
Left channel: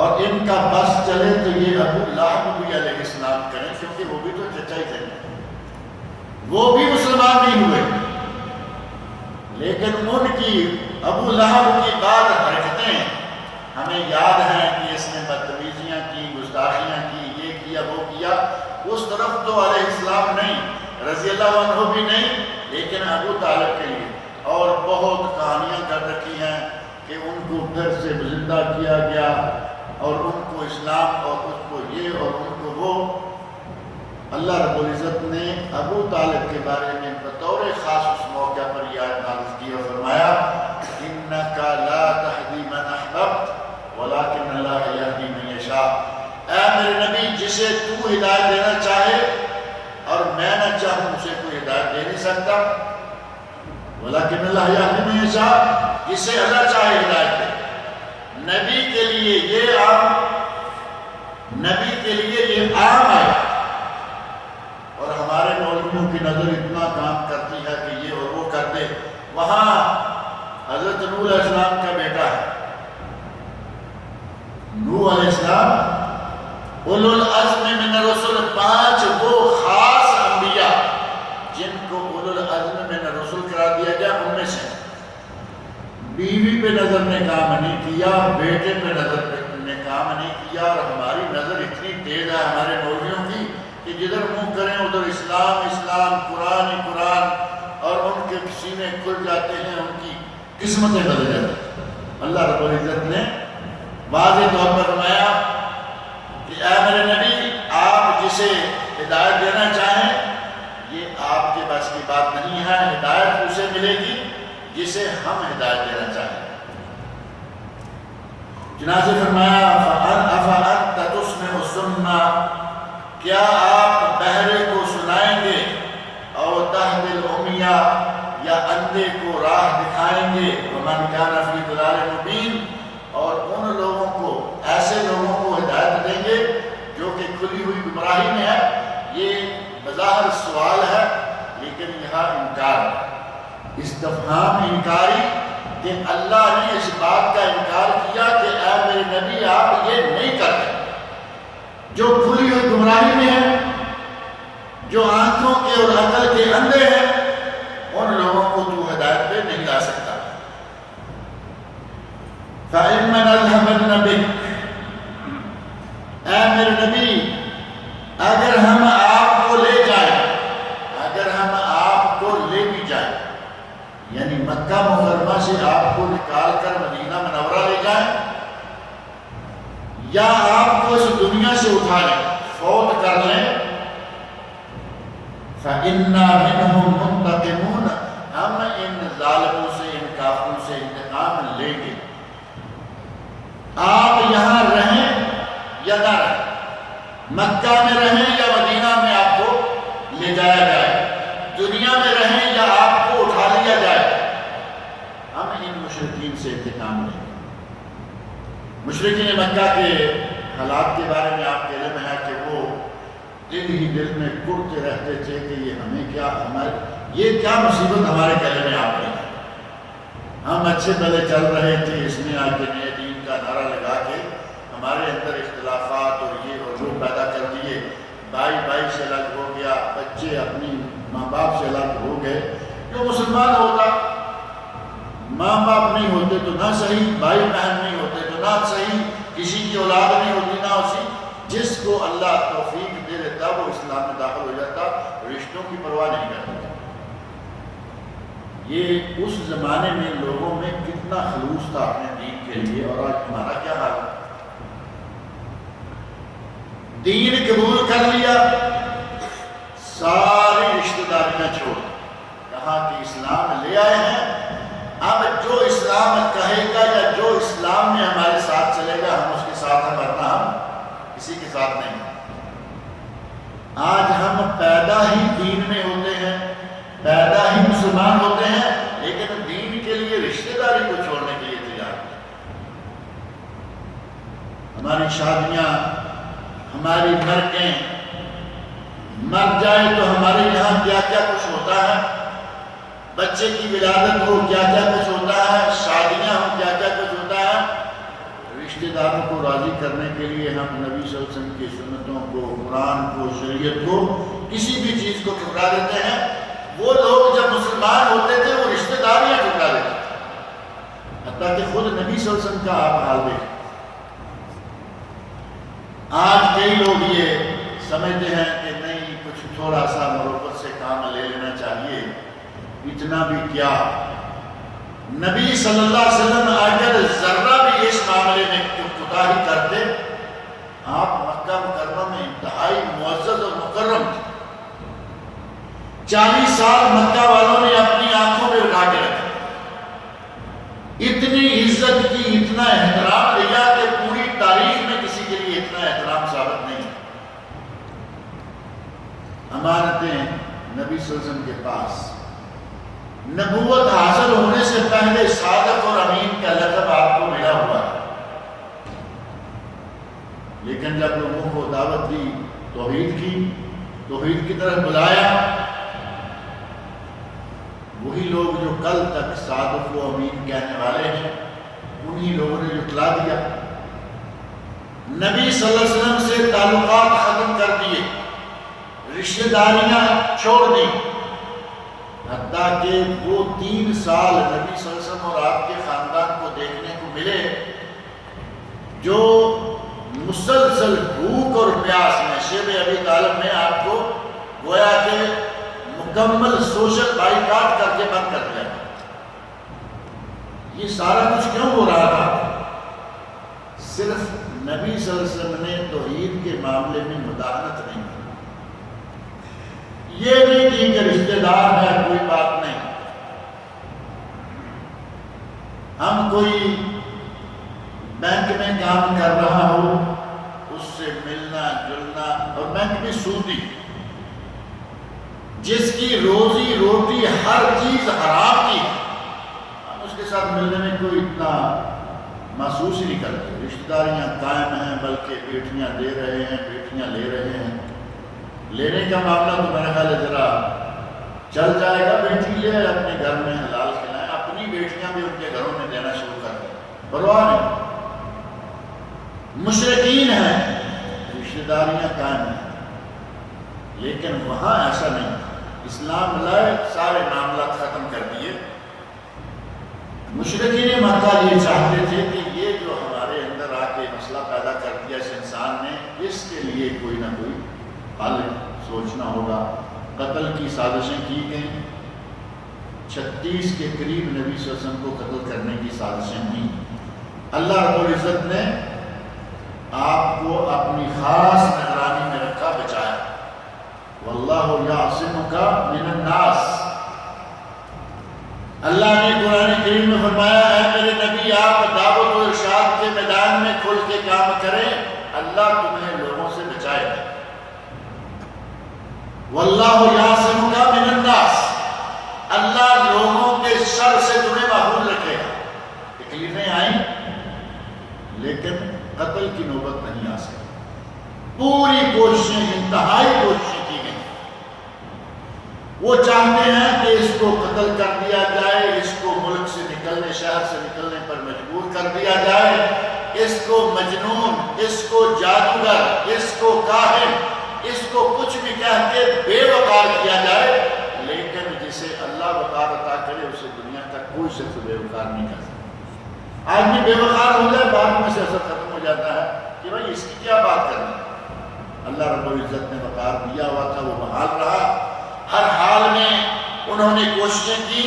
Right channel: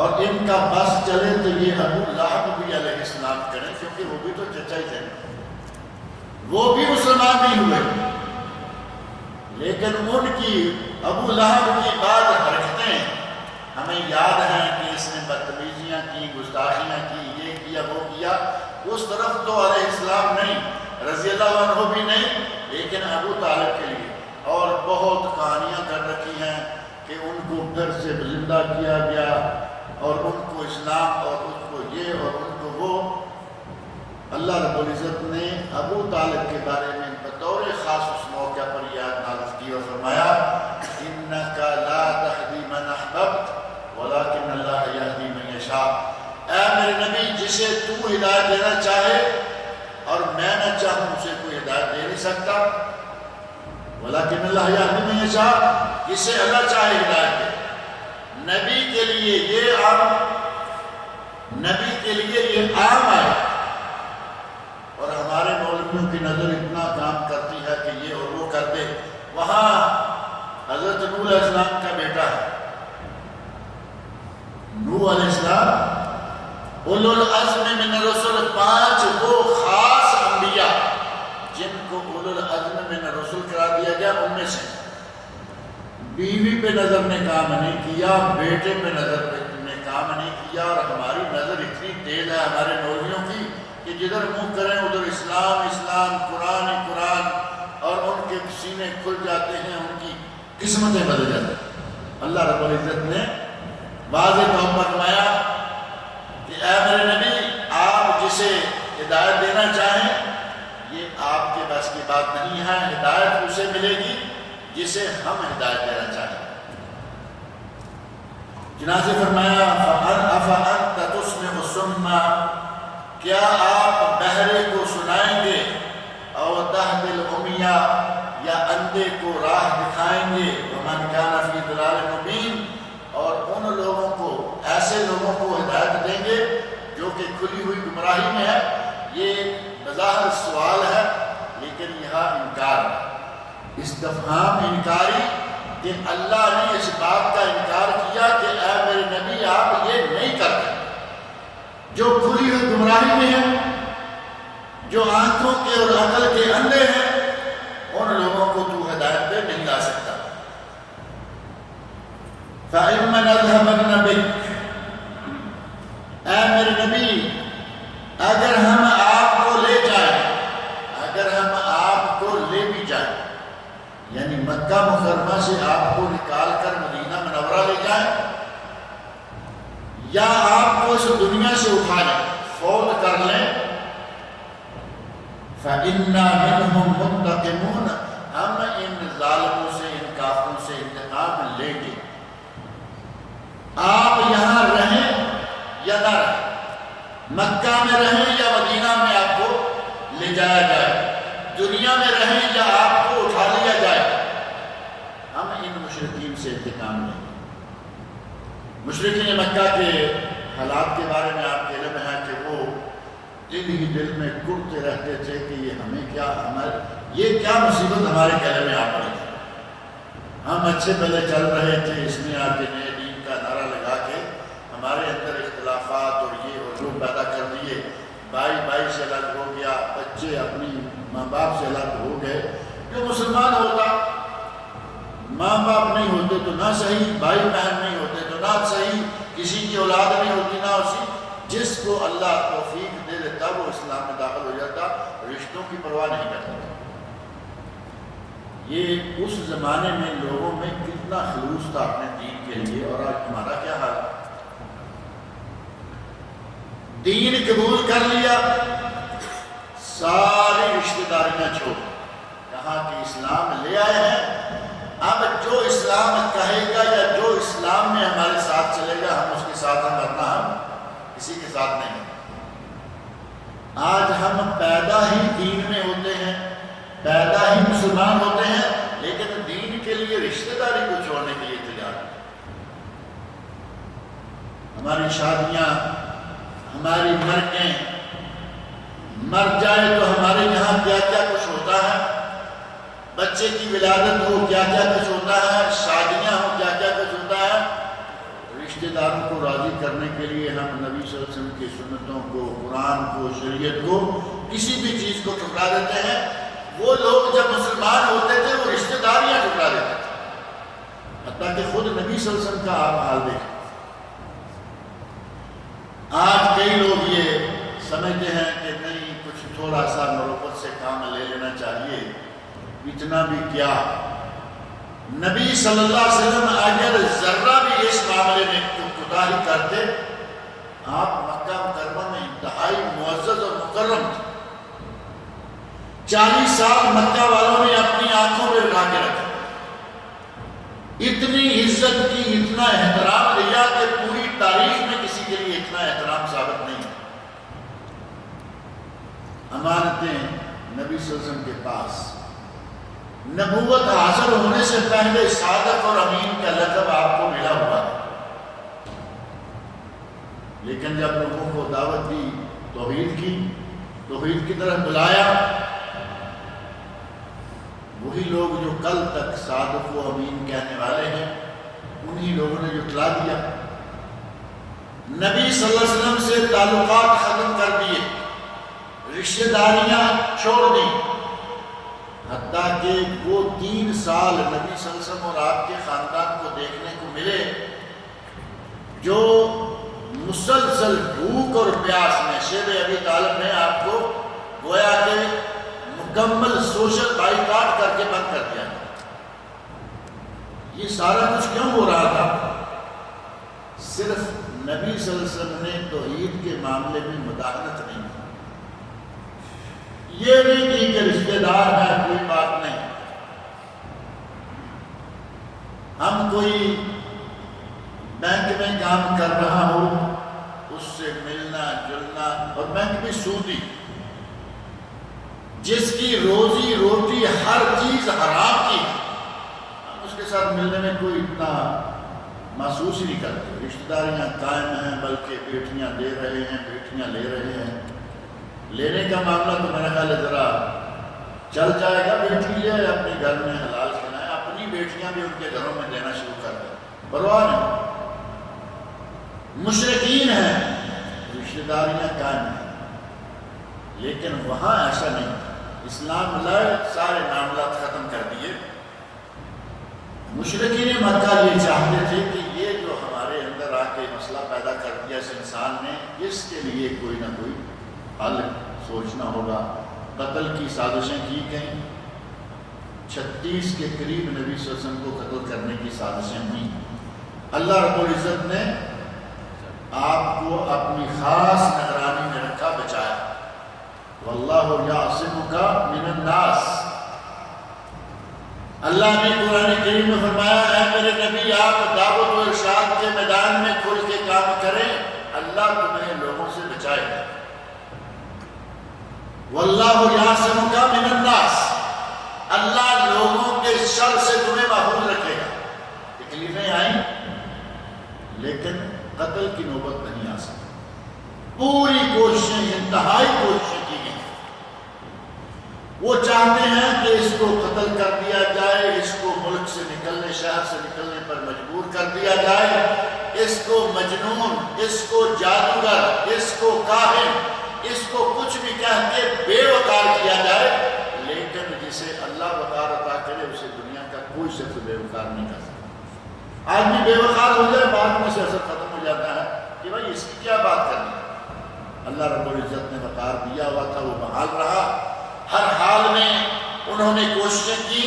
اور ان کا بس چلے تو یہ ابو لہب بھی علیہ السلام کریں، کیونکہ وہ بھی تو چچا ہی تھے، وہ بھی مسلمان نہیں ہوئے، لیکن ان کی ابو لہب کی بعض حرکتیں ہمیں یاد ہیں کہ اس نے بدتمیزیاں کی، گستاخیاں کی، یہ کیا وہ کیا، اس طرف تو علیہ السلام نہیں، رضی اللہ عنہ بھی نہیں، لیکن ابو طالب کے لیے اور بہت کہانیاں کر رکھی ہیں کہ ان کو پھر سے زندہ کیا گیا، اور ان کو اسلام، اور اس کو یہ اور ان کو وہ۔ اللہ رب العزت نے ابو طالب کے بارے میں بطور خاص اس موقع پر یہ آیت نازل کی اور فرمایا انک لا تہدی من احببت ولکن اللہ یہدی من یشاء، اے میرے نبی جسے تو ہدایت دینا چاہے اور میں نہ چاہوں اسے کوئی ہدایت دے نہیں سکتا، ولکن اللہ یہدی من یشاء، جسے اللہ چاہے ہدایت دے۔ نبی کے لیے یہ عام ہے، اور ہمارے مولویوں کی نظر اتنا کام کرتی ہے کہ یہ اور وہ کر دے۔ وہاں حضرت نوح علیہ السلام کا بیٹا ہے، نوح علیہ السلام اولو العزم من الرسل، 5 وہ خاص انبیاء جن کو اولو العزم من الرسل قرار دیا گیا، ان میں سے بیوی پہ نظر نے کام نہیں کیا، بیٹے پہ نظر نے کام نہیں کیا، اور ہماری نظر اتنی تیز ہے ہمارے مولویوں کی کہ جدھر منہ کریں ادھر اسلام اسلام، قرآن قرآن، اور ان کے سینے کھل جاتے ہیں، ان کی قسمتیں بدل جاتی ہیں۔ اللہ رب العزت نے واضح طور پر فرمایا کہ اے میرے نبی آپ جسے ہدایت دینا چاہیں یہ آپ کے بس کی بات نہیں ہے، ہدایت اسے ملے گی جسے ہم ہدایت دینا چاہیں۔ چنانچہ فرمایا أَفَأَنْتَ تُسْمِعُ الصُّمَّ، کیا آپ بہرے کو سنائیں گے، او تہدی العمی، یا اندھے کو راہ دکھائیں گے، وَمَنْ كَانَ فِي ضَلَالٍ مُبِينٍ، اور ان لوگوں کو، ایسے لوگوں کو ہدایت دیں گے جو کہ کھلی ہوئی گمراہی میں ہے۔ یہ بظاہر سوال ہے لیکن یہاں انکار ہے، استفہام انکاری، کہ اللہ نے اس بات کا انکار کیا کہ اے میرے نبی آپ یہ نہیں کرتے، جو کھلی ہوئی گمراہی میں ہیں، جو آنکھوں کے اور عقل کے اندھے ہیں، ان لوگوں کو تو ہدایت پہ نہیں لا سکتا۔ فَإِمَّا نَذْهَبَنَّ بِكَ، اے میرے نبی اگر ہم آپ کو لے جائیں، اگر ہم آپ کو لے بھی جائیں، یعنی مکہ مکرمہ سے آپ کو نکال کر مدینہ منورہ لے جائیں، یا آپ کو اس دنیا سے اٹھا لیں، فوت کر لیں، فَإِنَّا مِنْهُمْ مُنْتَقِمُونَ، ہم ان ظالموں سے، ان کافروں سے انتقام لیں گے۔ آپ یہاں رہیں یا نہ رہیں، مکہ میں رہیں یا مدینہ میں آپ کو لے جایا جائے، دنیا میں رہیں یا آپ کو اٹھا لیا جائے، ہم ان مشرکین سے انتقام لیں گے۔ مشرکین مکہ کے حالات کے بارے میں آپ کے علم ہے کہ وہ دل ہی دل میں کرتے رہتے تھے کہ یہ ہمیں کیا، یہ کیا مصیبت ہمارے گلے میں آ گئی ہے۔ ہم اچھے پہلے چل رہے تھے، اس نے آ کے نئے دین کا نعرہ لگا کے ہمارے اندر اختلافات اور یہ اور وہ پیدا کر دیے، بھائی سے الگ ہو گیا، بچے اپنی ماں باپ سے الگ ہو گئے۔ جو مسلمان ہوتا، ماں باپ نہیں ہوتے تو نہ صحیح، بھائی بہن نہیں ہوتے تو نہ صحیح، کسی کی اولاد نہیں ہوتی نہ اسی، جس کو اللہ توفیق دے دیتا وہ اسلام میں داخل ہو جاتا، رشتوں کی پرواہ نہیں کرتا۔ یہ اس زمانے میں لوگوں میں کتنا خلوص تھا اپنے دین کے لیے، اور آج ہمارا کیا حال ہے؟ دین قبول کر لیا، ساری رشتہ داریاں چھوڑ، کہا کہ اسلام لے آئے ہیں اب جو اسلام کہے گا یا جو اسلام میں ہمارے ساتھ چلے گا ہم اس کے ساتھ ہیں، ورنہ ہم کسی کے ساتھ نہیں۔ آج ہم پیدا ہی دین میں ہوتے ہیں، پیدا ہی مسلمان ہوتے ہیں، لیکن دین کے لیے رشتہ داری کو چھوڑنے کے لیے تیار ہیں۔ ہماری شادیاں، ہماری مرگیں، مر جائے تو ہمارے یہاں کیا کیا کچھ ہوتا ہے، بچے کی ولادت ہو کیا کیا کچھ ہوتا ہے، شادیاں ہو کیا کیا کچھ ہوتا ہے۔ رشتہ داروں کو راضی کرنے کے لیے ہم نبی صلی اللہ علیہ وسلم کی سنتوں کو، قرآن کو، شریعت کو، کسی بھی چیز کو ٹھکرا دیتے ہیں۔ وہ لوگ جب مسلمان ہوتے تھے وہ رشتہ داریاں ٹھکرا دیتے تھے، حتیٰ کہ خود نبی صلی اللہ علیہ وسلم کا آپ حال دیکھیں۔ آج کئی لوگ یہ سمجھتے ہیں کہ نہیں، کچھ تھوڑا سا مروت سے کام لے لینا چاہیے، اتنا بھی کیا۔ نبی صلی اللہ علیہ وسلم اگر ذرہ بھی اس معاملے میں کوتاہی کرتے، آپ مکہ مکرمہ میں انتہائی معزز اور مکرم تھے۔ 40 سال مکہ والوں نے اپنی آنکھوں میں اٹھا کے رکھا، اتنی عزت کی، اتنا احترام دیا کہ پوری تاریخ میں کسی کے لیے اتنا احترام ثابت نہیں ہے۔ امانتیں نبی صلی اللہ علیہ وسلم کے پاس، نبوت حاصل ہونے سے پہلے صادق اور امین کا لقب آپ کو ملا ہوا ہے، لیکن جب لوگوں کو دعوت دی، توحید کی طرف بلایا، وہی لوگ جو کل تک صادق و امین کہنے والے ہیں، انہی لوگوں نے جھٹلا دیا، نبی صلی اللہ علیہ وسلم سے تعلقات ختم کر دیے، رشتہ داریاں چھوڑ دی، حتیٰ کہ وہ 3 سال نبی صلی اللہ علیہ وسلم اور آپ کے خاندان کو دیکھنے کو ملے جو مسلسل بھوک اور پیاس میں، شیب ابی طالب میں آپ کو گویا کہ مکمل سوشل بائیکاٹ کر کے بند کر دیا گیا۔ یہ سارا کچھ کیوں ہو رہا تھا؟ صرف نبی صلی اللہ علیہ وسلم نے توحید کے معاملے میں مداخلت نہیں کی، یہ نہیں کی کہ رشتہ دار ہے کوئی بات نہیں، ہم کوئی بینک میں کام کر رہا ہو اس سے ملنا جلنا، اور بینک بھی سودی، جس کی روزی روٹی ہر چیز حرام کی، ہم اس کے ساتھ ملنے میں کوئی اتنا محسوس ہی نہیں کرتے۔ رشتہ داریاں قائم ہیں، بلکہ بیٹیاں دے رہے ہیں، بیٹیاں لے رہے ہیں۔ لینے کا معاملہ تو میرا خیال ہے ذرا چل جائے گا، بیٹی لے اپنے گھر میں حلال کھلائیں، اپنی بیٹیاں بھی ان کے گھروں میں دینا شروع کر دیں، پرواہ نہیں۔ مشرکین ہیں، رشتہ داریاں قائم ہیں، لیکن وہاں ایسا نہیں تھا۔ اسلام لائے، سارے معاملات ختم کر دیے۔ مشرکین مکہ یہ چاہتے تھے کہ یہ جو ہمارے اندر آ کے مسئلہ پیدا کر دیا اس انسان نے، اس کے لیے کوئی نہ کوئی حل سوچنا ہوگا۔ قتل کی سازشیں کی گئیں، 36 کے قریب نبی صلی اللہ علیہ وسلم کو قتل کرنے کی سازشیں کی۔ اللہ رب العزت نے آپ کو اپنی خاص نگرانی میں رکھا، بچایا۔ واللہ یعصمک من الناس، اللہ نے قرآن کریم میں فرمایا اے میرے نبی آپ دعوت و ارشاد کے میدان میں کھل کے کام کریں، اللہ تمہیں لوگوں سے بچائے گا۔ واللہ یعصمک من الناس، اللہ لوگوں کے شر سے تمہیں محفوظ رکھے گا۔ تکلیفیں آئیں لیکن قتل کی نوبت نہیں آ سکی، پوری کوششیں، انتہائی کوششیں کی گئیں۔ وہ چاہتے ہیں کہ اس کو قتل کر دیا جائے، اس کو ملک سے نکلنے، شہر سے نکلنے پر مجبور کر دیا جائے، اس کو مجنون، اس کو جادوگر، اس کو کاہن، اس کو کچھ بھی کہہ کے بے وقار کیا جائے، لیکن جسے اللہ وقار عطا کرے اسے دنیا کا کوئی شخص بے وقار نہیں کر سکتا۔ آدمی بے وقار ہو جائے، بعد میں سے اثر ختم ہو جاتا ہے کہ بھائی اس کی کیا بات کرنی۔ اللہ رب العزت نے وقار دیا ہوا تھا، وہ بحال رہا۔ ہر حال میں انہوں نے کوششیں کی۔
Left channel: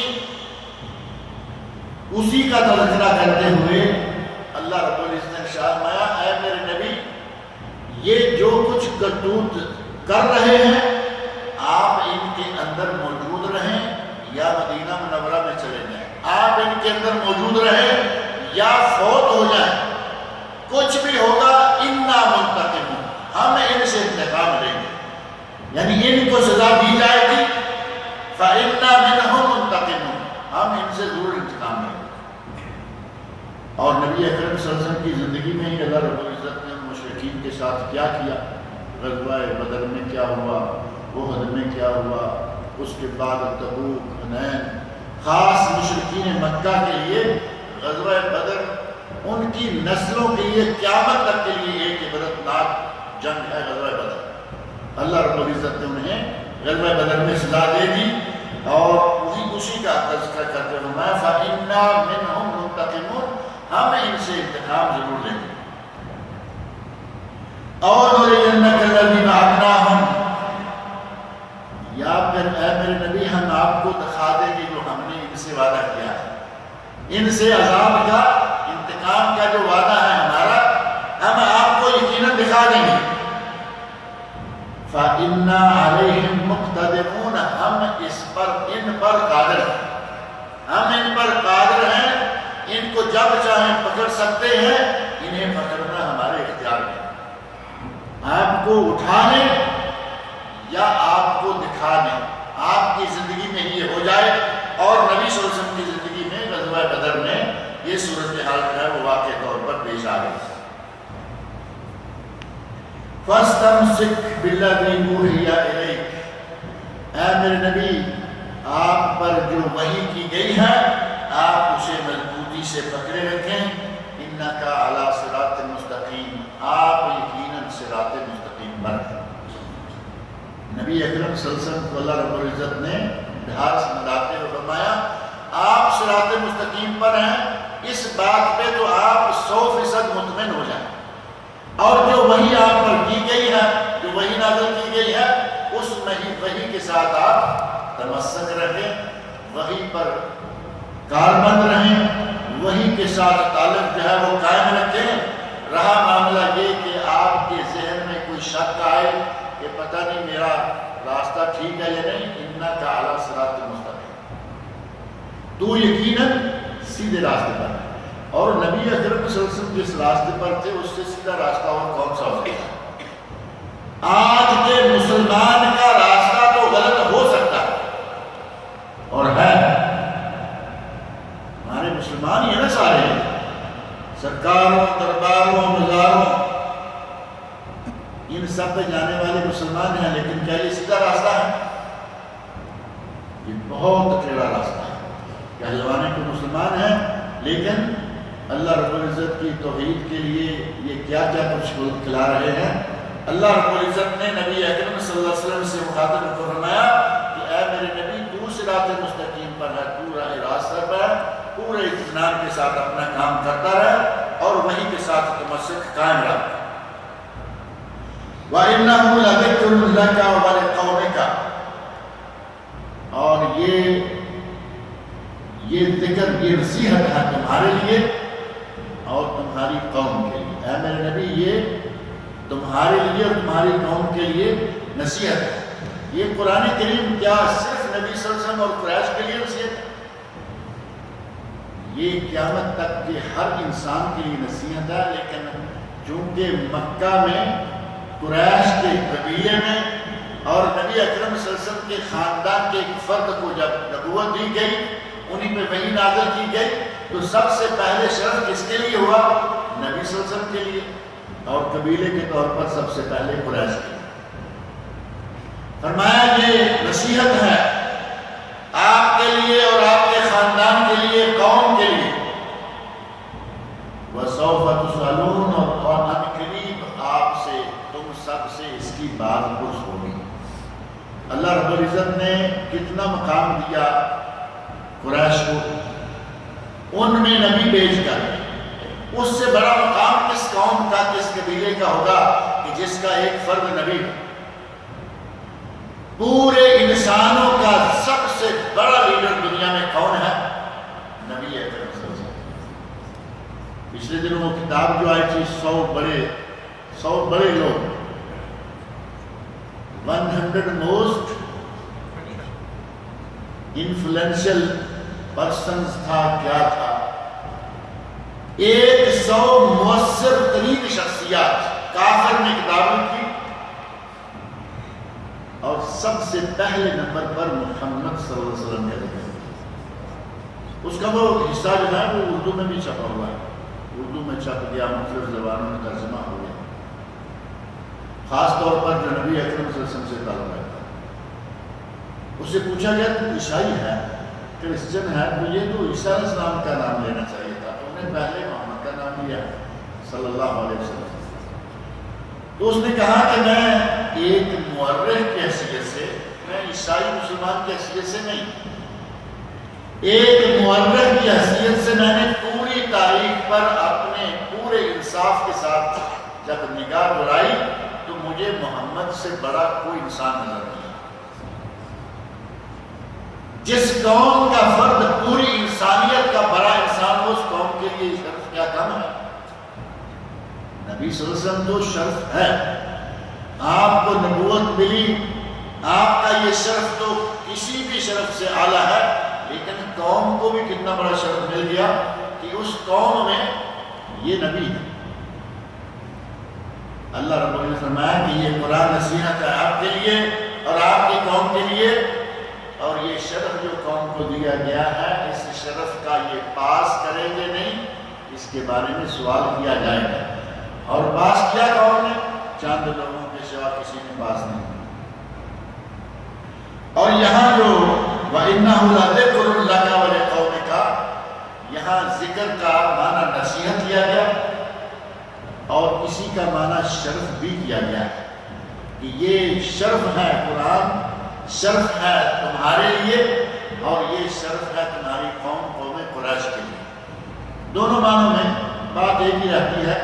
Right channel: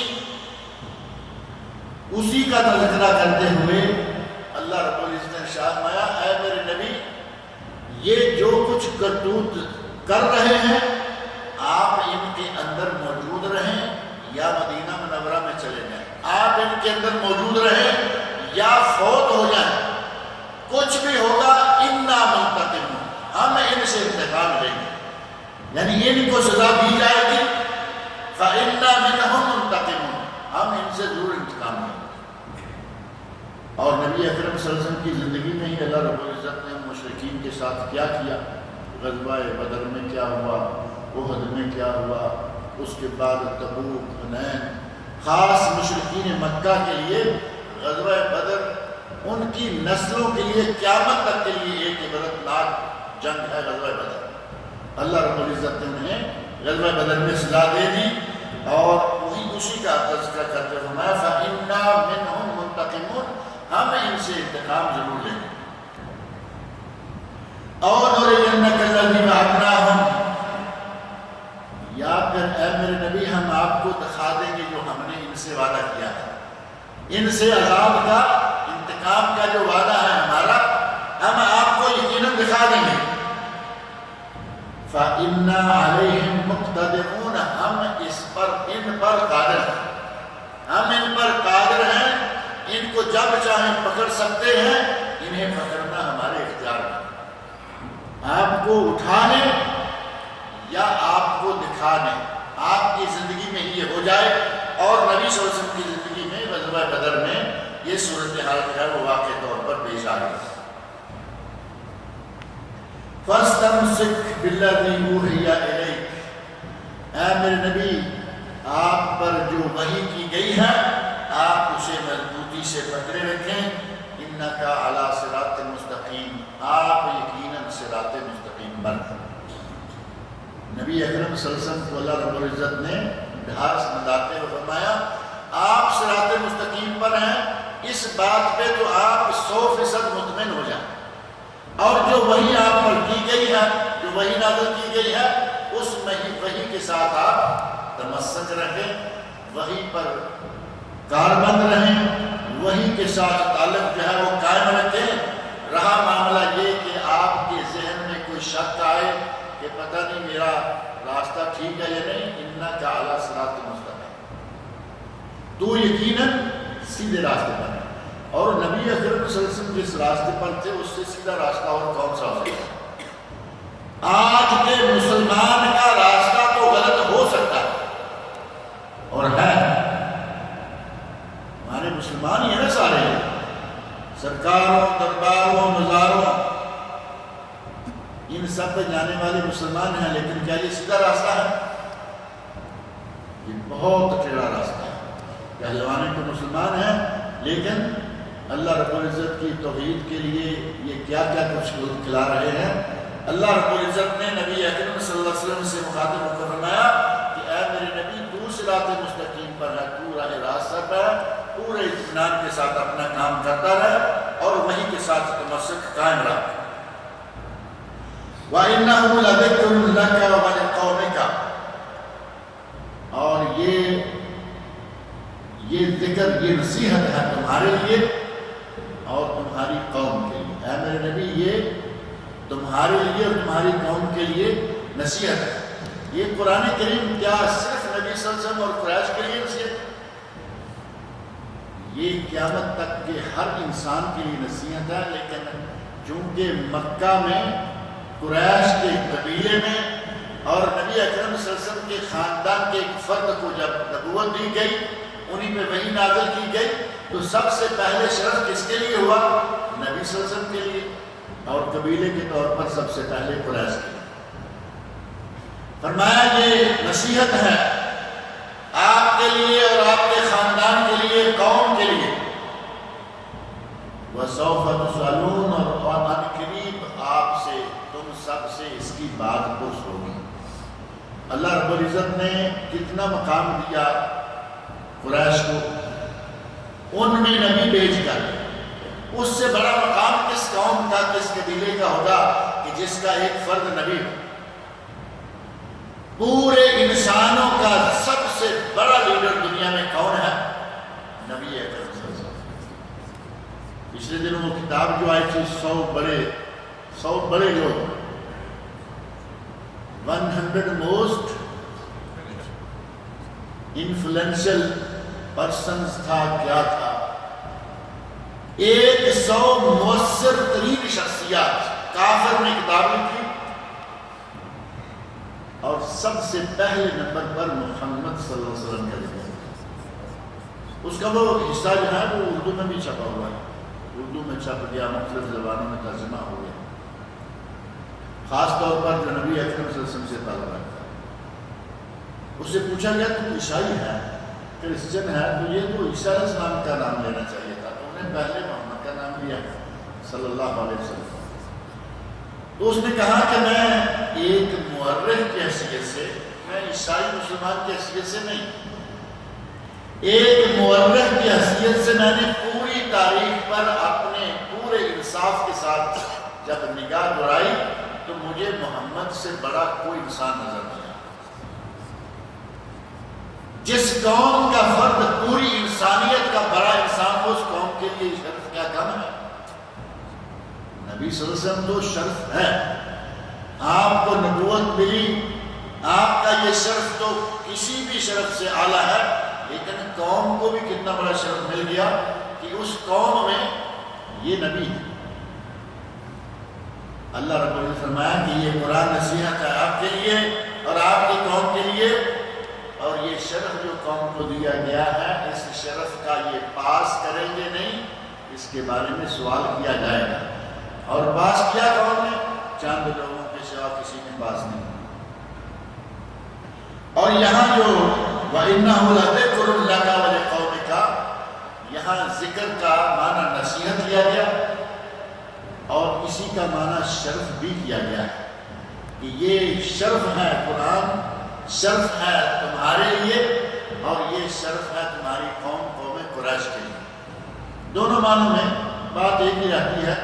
اسی کا تذکرہ کرتے ہوئے اللہ رب العزت نے ارشاد فرمایا اے میرے نبی یہ جو کچھ کرتوت کر رہے ہیں آپ ان کے اندر موجود رہیں یا مدینہ منورہ میں چلے جائیں، آپ ان کے کے اندر موجود رہیں یا فوت ہو جائیں، کچھ بھی ہوگا انا منتقمون، ہم ان سے انتقام لیں گے، یعنی ان کو سزا دی جائے گی، فَإِنَّا مِنْهُمْ مُنْتَقِمُونَ، ہم ان سے ضرور انتقام لیں گے۔ اور نبی اکرم صلی اللہ علیہ وسلم کی زندگی میں ہی اللہ رب العزت نے مشرکین کے ساتھ کیا کیا، غزوہ بدر میں کیا ہوا، احد میں کیا ہوا، اس کے بعد تبوک، حنین، خاص مشرکین مکہ کے لیے غزوہ بدر ان کی نسلوں کے لیے قیامت تک کے لیے ایک عبرتناک جنگ ہے غزوہ بدر۔ اللہ رب العزت نے انہیں غزوہ بدر میں سزا دے دی اور وہی اسی کا تذکرہ کرتے فرمایا فَإِنَّا مِنْهُمْ مُنْتَقِمُونَ، ہم ان سے انتقام ضرور لیں گے۔ اور نُرِيَنَّكَ الَّذِي وَعَدْنَاهُمْ، یا پھر اے میرے نبی ہم آپ کو دکھا دیں گے جو ہم نے ان سے وعدہ کیا ہے، ان سے عذاب کا، انتقام کا جو وعدہ ہے ہمارا، ہم آپ کو یقیناً دکھا دیں گے۔ فَإِنَّا عَلَيْهِمْ مُقْتَدِرُونَ، ہم اس پر، ان پر قادر ہیں، ہم ان پر قادر ہیں، ان کو جب چاہیں پکڑ سکتے ہیں، انہیں پکڑنا ہمارے اختیار میں، آپ کو اٹھانے یا آپ کو دکھانے، آپ کی زندگی میں ہی یہ ہو جائے۔ اور نبی صلی اللہ علیہ وسلم کی زندگی میں غزوہ بدر میں یہ صورتحال جو ہے وہ واقع طور پر پیش آ گئی۔ فَاسْتَمْسِكْ بِالَّذِي أُوحِيَ إِلَيْكَ، اے میرے نبی آپ پر جو وحی کی گئی ہے آپ اسے مضبوطی سے پکڑے رکھیں، إِنَّكَ عَلَى صِرَاطٍ مُسْتَقِيمٍ، آپ یقیناً صراط مستقیم پر ہیں۔ نبی اکرم صلی اللہ علیہ وسلم کو اللہ رب العزت نے ڈھار سمجھاتے ہوئے فرمایا آپ صراط مستقیم پر ہیں، اس بات پہ تو آپ 100% مطمئن ہو جائیں، اور جو وحی آپ پر کی گئی ہے، جو وحی نازل کی گئی ہے، اس وحی کے ساتھ آپ تمسک رکھیں، وحی پر کاربند رہیں، وحی کے ساتھ تعلق جو ہے وہ قائم رکھیں۔ رہا معاملہ یہ کہ آپ کے ذہن میں کوئی شک آئے کہ پتہ نہیں میرا راستہ ٹھیک ہے یا نہیں، إِنَّكَ عَلَى صِرَاطٍ مُسْتَقِيمٍ، تو یقیناً سیدھے راستے پر ہے۔ اور نبی اکرم صلی اللہ علیہ وسلم جس راستے پر تھے اس سے سیدھا راستہ اور کون سا ہو سکتا ہے؟ آج کے مسلمان کا راستہ تو غلط ہو سکتا ہے اور ہے، ہمارے مسلمان ہی ہیں نا سارے، سرکاروں، درباروں، مزاروں، ان سب پہ جانے والے مسلمان ہیں، لیکن کیا یہ سیدھا راستہ ہے؟ یہ بہت ٹیڑھا راستہ ہے۔ پہلوانے کو مسلمان ہیں لیکن اللہ رب العزت کی توحید کے لیے یہ کیا کیا کچھ کھلا رہے ہیں۔ اللہ رب العزت نے نبی اکرم صلی اللہ علیہ وسلم سے مخاطب کو فرمایا کہ اے میرے نبی تو صراط مستقیم پر ہے، تو راہ راستہ پر ہے، پورے اطمینان کے ساتھ اپنا کام کرتا رہے اور وحی کے ساتھ تمسک قائم رکھ۔ وَإِنَّهُ لَذِكْرٌ لَكَ وَلِقَوْمِكَ، اور یہ ذکر، یہ نصیحت ہے تمہارے لیے اور تمہاری قوم کے لیے۔ اے میرے نبی یہ تمہارے لیے اور تمہاری قوم کے لیے نصیحت ہے۔ یہ قرآن کریم کیا صرف نبی صلی اللہ علیہ وسلم اور قریش کے لیے نصیحت ہے؟ یہ قیامت تک کے ہر انسان کے لیے نصیحت ہے، لیکن چونکہ مکہ میں قریش کے قبیلے میں اور نبی اکرم صلی اللہ علیہ وسلم کے خاندان کے ایک فرد کو جب نبوت دی گئی، انہی پہ وحی نازل کی گئی، تو سب سے پہلے شرف کس کے لیے ہوا؟ نبی صلی اللہ علیہ وسلم کے لیے، اور قبیلے کے طور پر سب سے پہلے قریش کے لیے۔ فرمایا یہ نصیحت ہے آپ کے لیے اور آپ کے خاندان کے لیے، قوم کے لیے۔ وَسَوْفَ تُسْأَلُونَ، اور ان قریب آپ سے، تم سب سے اس کی بات پرس ہوگی۔ اللہ رب العزت نے کتنا مقام دیا قریش کو، ان میں نبی بھیج کر، اس سے بڑا مقام کس قوم کا، کس قبیلے کا ہوگا کہ جس کا ایک فرد نبی ہو۔ پورے انسانوں کا سب سے بڑا لیڈر دنیا میں کون ہے؟ نبی اکرم صلی اللہ علیہ وسلم۔ پچھلے دنوں وہ کتاب جو آئی تھی 100 بڑے لوگ، 100 موسٹ انفلوئنشل پرسنز تھا، کیا تھا؟ 100 مؤثر ترین شخصیات کافر نے کتاب لکھی، اور سب سے پہلے نمبر پر محمد صلی اللہ علیہ وسلم کا ذکر ہے۔ اس کا وہ حصہ جو ہے وہ اردو میں بھی چھپا ہوا ہے، اردو میں چھپ گیا، مختلف زبانوں میں ترجمہ ہو گیا، خاص طور پر جو نبی اکرم صلی اللہ علیہ وسلم سے تعلق رکھتا ہے۔ اس سے پوچھا گیا تو عیسائی ہے، کرسچن ہے، تو یہ تو عیسیٰ علیہ السلام کا نام لینا چاہیے تھا، تو انہیں پہلے محمد کا نام لیا صلی اللہ علیہ وسلم۔ تو اس نے کہا کہ میں ایک مورخ کی حیثیت سے، میں عیسائی مسلمان کی حیثیت سے نہیں، ایک مورخ کی حیثیت سے میں نے پوری تاریخ پر اپنے پورے انصاف کے ساتھ جب نگاہ دوڑائی تو مجھے محمد سے بڑا کوئی انسان نظر نہیں آیا۔ جس قوم کا فرد پوری انسانیت کا بڑا انسان ہو، اس قوم کے لیے شرف کیا کم ہے؟ نبی صلی اللہ علیہ وسلم تو شرف ہے، آپ کو نبوت ملی، آپ کا یہ شرف تو کسی بھی شرف سے اعلیٰ ہے، لیکن قوم کو بھی کتنا بڑا شرف مل گیا کہ اس قوم میں یہ نبی ہے۔ اللہ رب العزت نے فرمایا کہ یہ قرآن نصیحت ہے آپ کے لیے اور آپ کی قوم کے لیے، اور یہ شرف جو قوم کو دیا گیا ہے، اس شرف کا یہ پاس کریں گے نہیں، اس کے بارے میں سوال کیا جائے گا، اور پاس کیا قوم نے؟ چند لوگوں کے سوا کسی نے پاس نہیں۔ اور یہاں جو وَإِنَّهُ لَذِكْرٌ لَكَ وَلِقَوْمِكَ، یہاں ذکر کا معنی نصیحت کیا گیا، اور اسی کا معنی شرف بھی کیا گیا ہے کہ یہ شرف ہے، قرآن شرف ہے تمہارے لیے، اور یہ شرف ہے تمہاری قوم قریش کے لیے۔ دونوں معنوں میں بات ایک ہی رہتی ہے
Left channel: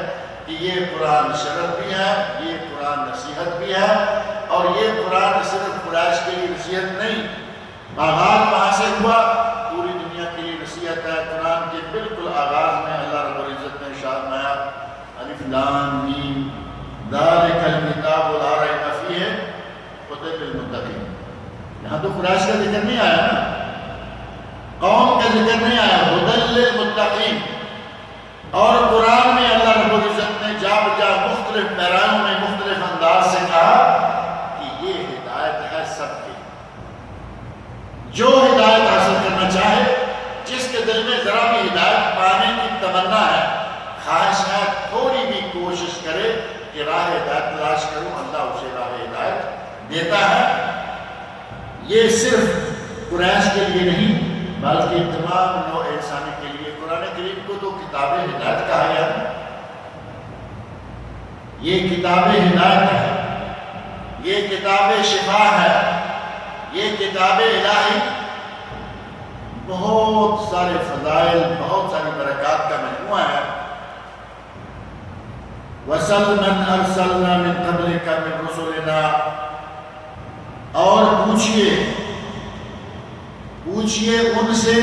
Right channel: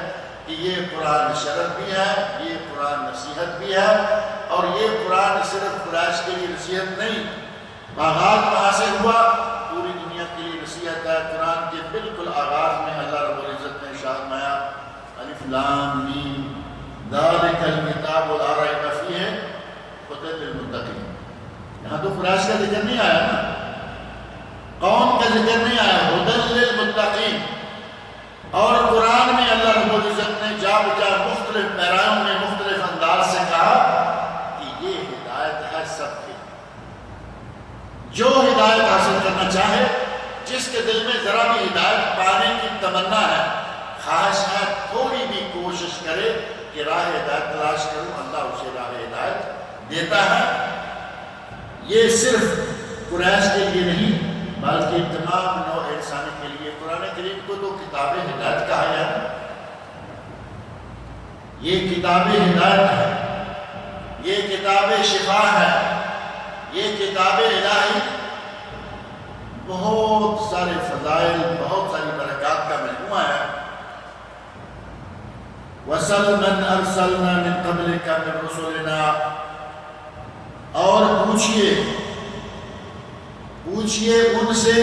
کہ یہ قرآن شرف بھی ہے، یہ قرآن نصیحت بھی ہے، اور یہ قرآن صرف قریش کے لیے نصیحت نہیں، آغاز وہاں سے ہوا، پوری دنیا کے لیے نصیحت ہے۔ قرآن کے بالکل آغاز میں اللہ رب العزت نے ارشاد فرمایا الف لام میم ذالک الکتاب لا ریب فیہ ھدی للمتقین۔ یہاں تو قریش کا ذکر نہیں آیا نا، قوم کا ذکر نہیں آیا، ھدی للمتقین۔ اور قرآن میں اللہ رب العزت نے جا بجا مختلف پیرایوں میں مختلف انداز سے کہا کہ یہ ہدایت ہے سب کی، جو ہدایت حاصل کرنا چاہے، جس کے دل میں ذرا بھی ہدایت پانے کی تمنا ہے، خواہش ہے، تھوڑی بھی کوشش کرے کہ راہ ہدایت تلاش کروں، اللہ اسے راہ ہدایت دیتا ہے۔ یہ صرف قریش کے لیے نہیں بلکہ تمام نوع انسانی کے لیے۔ قرآن کریم کو تو کتاب ہدایت کہا گیا ہے، یہ کتاب ہدایت ہے، یہ کتاب شفا ہے، یہ کتاب الہی بہت سارے فضائل، بہت ساری برکات کا مجموعہ ہے۔ وَسَلْ مَنْ أَرْسَلْنَا مِنْ قَبْلِكَ مِنْ رُسُلِنَا، اور پوچھئے ان سے،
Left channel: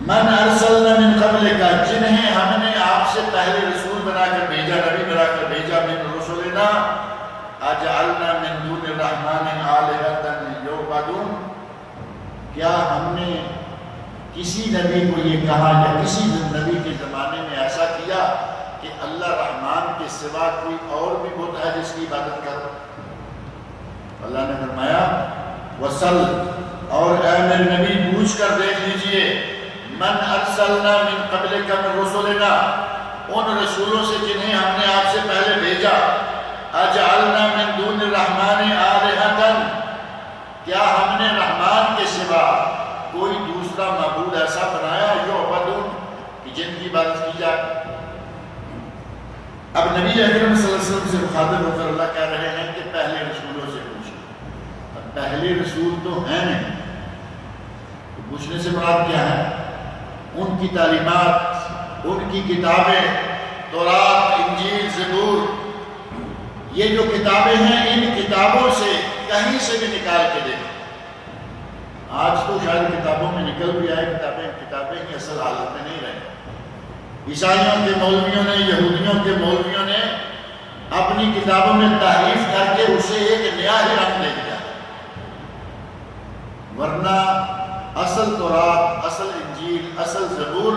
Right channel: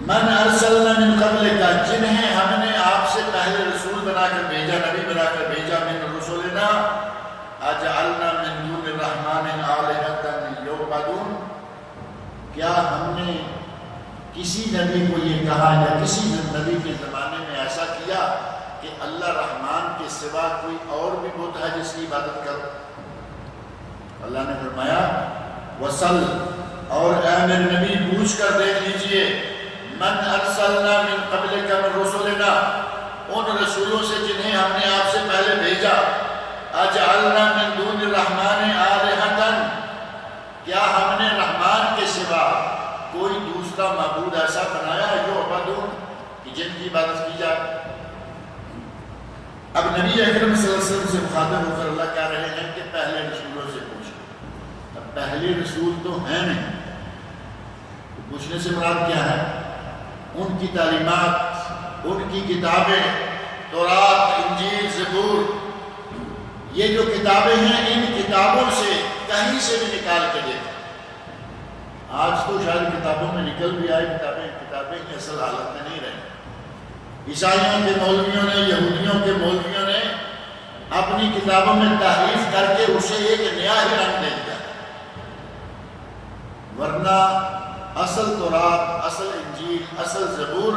من ارسلنا من قبلک، جنہیں ہم نے آپ سے پہلے رسول بنا کر بھیجا، نبی بنا کر بھیجا، من رسولنا اجعلنا من دون الرحمن آلہۃ یعبدون، کیا ہم نے کسی نبی کو یہ کہا یا کسی نبی کے زمانے میں ایسا کیا کہ اللہ رحمان کے سوا کوئی اور بھی بت ہے جس کی عبادت کرو؟ اللہ نے فرمایا وصل، اور اے میرے نبی پوچھ کر دیکھ لیجئے، من ارسلنا من قبلک من رسولنا، ان رسولوں سے جنہیں ہم نے آپ سے پہلے بھیجا، اجعلنا من دون الرحمن آلہۃ، کیا ہم نے رحمان کے سوا کوئی دوسرا معبود ایسا بنایا یعبدون کہ جن کی عبادت کی جائے؟ اب نبی اکرم صلی اللہ علیہ وسلم سے مخاطب ہو کر اللہ کہہ رہے ہیں کہ پہلے رسولوں سے پوچھیں۔ اب پہلے رسول تو ہیں نہیں، تو پوچھنے سے مراد کیا ہے؟ ان کی تعلیمات، ان کی کتابیں، تورات، انجیل، زبور، یہ جو کتابیں ہیں، ان کتابوں سے کہیں سے بھی نکال کے دیکھیں۔ آج تو شاید کتابوں میں نکل بھی آئے، کتابیں ہی اصل حالت میں نہیں رہیں۔ عیسائیوں کے مولویوں نے، یہودیوں کے مولویوں نے اپنی کتابوں میں تحریف کر کے اسے ایک نیا ہی رنگ دے دیا، ورنہ اصل تورات، اصل انجیل، اصل زبور،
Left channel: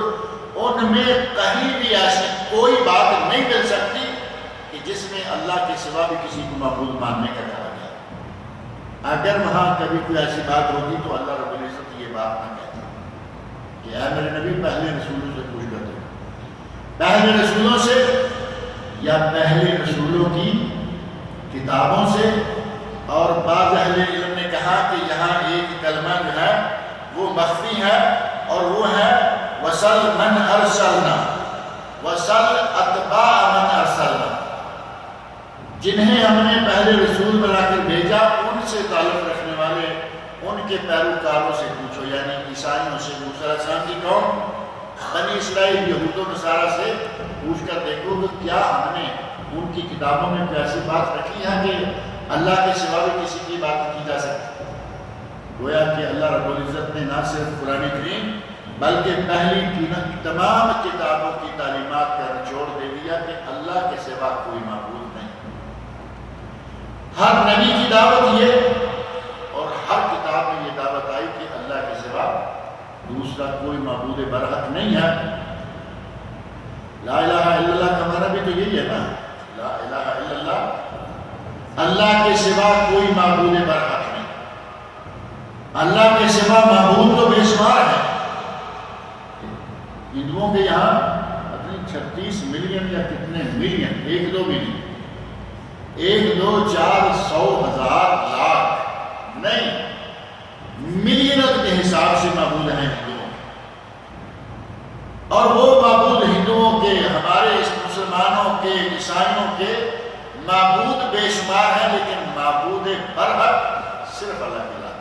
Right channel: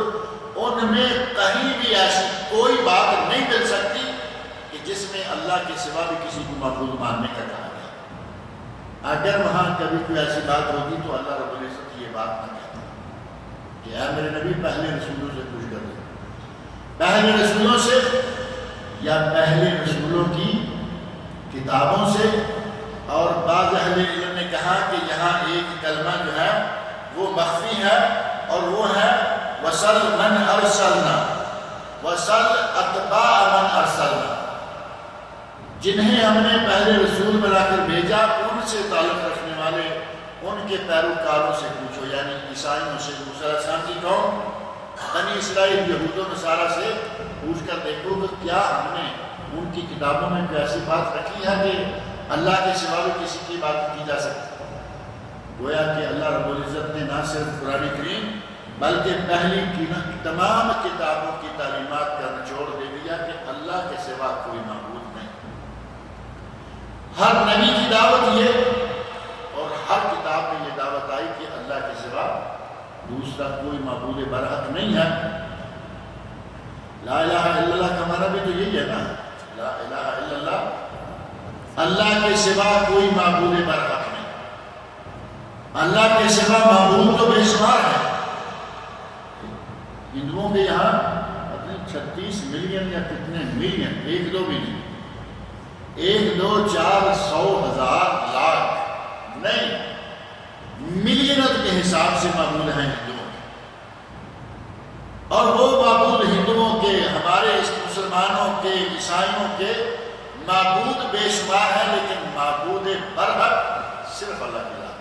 ان میں کہیں بھی ایسی کوئی بات نہیں مل سکتی کہ جس میں اللہ کے سوا بھی کسی کو معبود ماننے کا کہا گیا۔ اگر وہاں کبھی کوئی ایسی بات ہوگی تو اللہ رب العزت یہ بات نہ کہتا کہ اے میرے نبی پہلے رسولوں سے پوچھ کر دے، پہلے رسولوں سے یا پہلے رسولوں کی کتابوں سے۔ اور بعض اہل علم نے کہا کہ یہاں ایک کلمہ جو ہے وہ مخفی ہے، اور وہ ہے وَسَلْ مَنْ أَرْسَلْنَا وَسَلْ أَتْبَاعَ مَنْ أَرْسَلْنَا، جنہیں ہم نے پہلے رسول بنا کر بھیجا ان سے تعلق رکھنے والے ان کے پیروکاروں سے پوچھو، یعنی عیسائیوں سے، موسیٰ علیہ السلام کی قوم بنی اسرائیل یہود و نصارہ سے پوچھ کر دیکھو کہ کیا ہم نے ان کی کتابوں میں کوئی ایسی بات رکھی ہے کہ اللہ کے سوا بھی کسی کی بات کی جا سکتی۔ گویا کہ اللہ رب العزت نے نہ صرف قرآن کریم بلکہ پہلی کی تمام کتابوں کی تعلیمات کا نچوڑ دے دیا کہ اللہ کے سوا کوئی معبود نہیں۔ ہر نبی کی دعوت یہ، اور ہر کتاب میں یہ دعوت آئی کہ اللہ کے سوا دوسرا کوئی معبود برحق نہیں ہے۔ لا الہ الا اللہ کا معنی بھی تو یہی ہے نا، لا الہ الا اللہ، اللہ کے سوا کوئی معبود برحق نہیں۔ اللہ کے سوا معبود تو بے شمار ہے۔ ہندوؤں کے یہاں اپنی 36 ملین یا کتنے ملین، ایک دو بھی نہیں، 1 2 4 100 1000 لاکھ نہیں، ملینت کے حساب سے معبود ہیں ہندوؤں کے، اور وہ معبود ہندوؤں کے، ہمارے مسلمانوں کے، عیسائیوں کے معبود بے شمار ہیں، لیکن معبود برحق صرف اللہ کی ذات،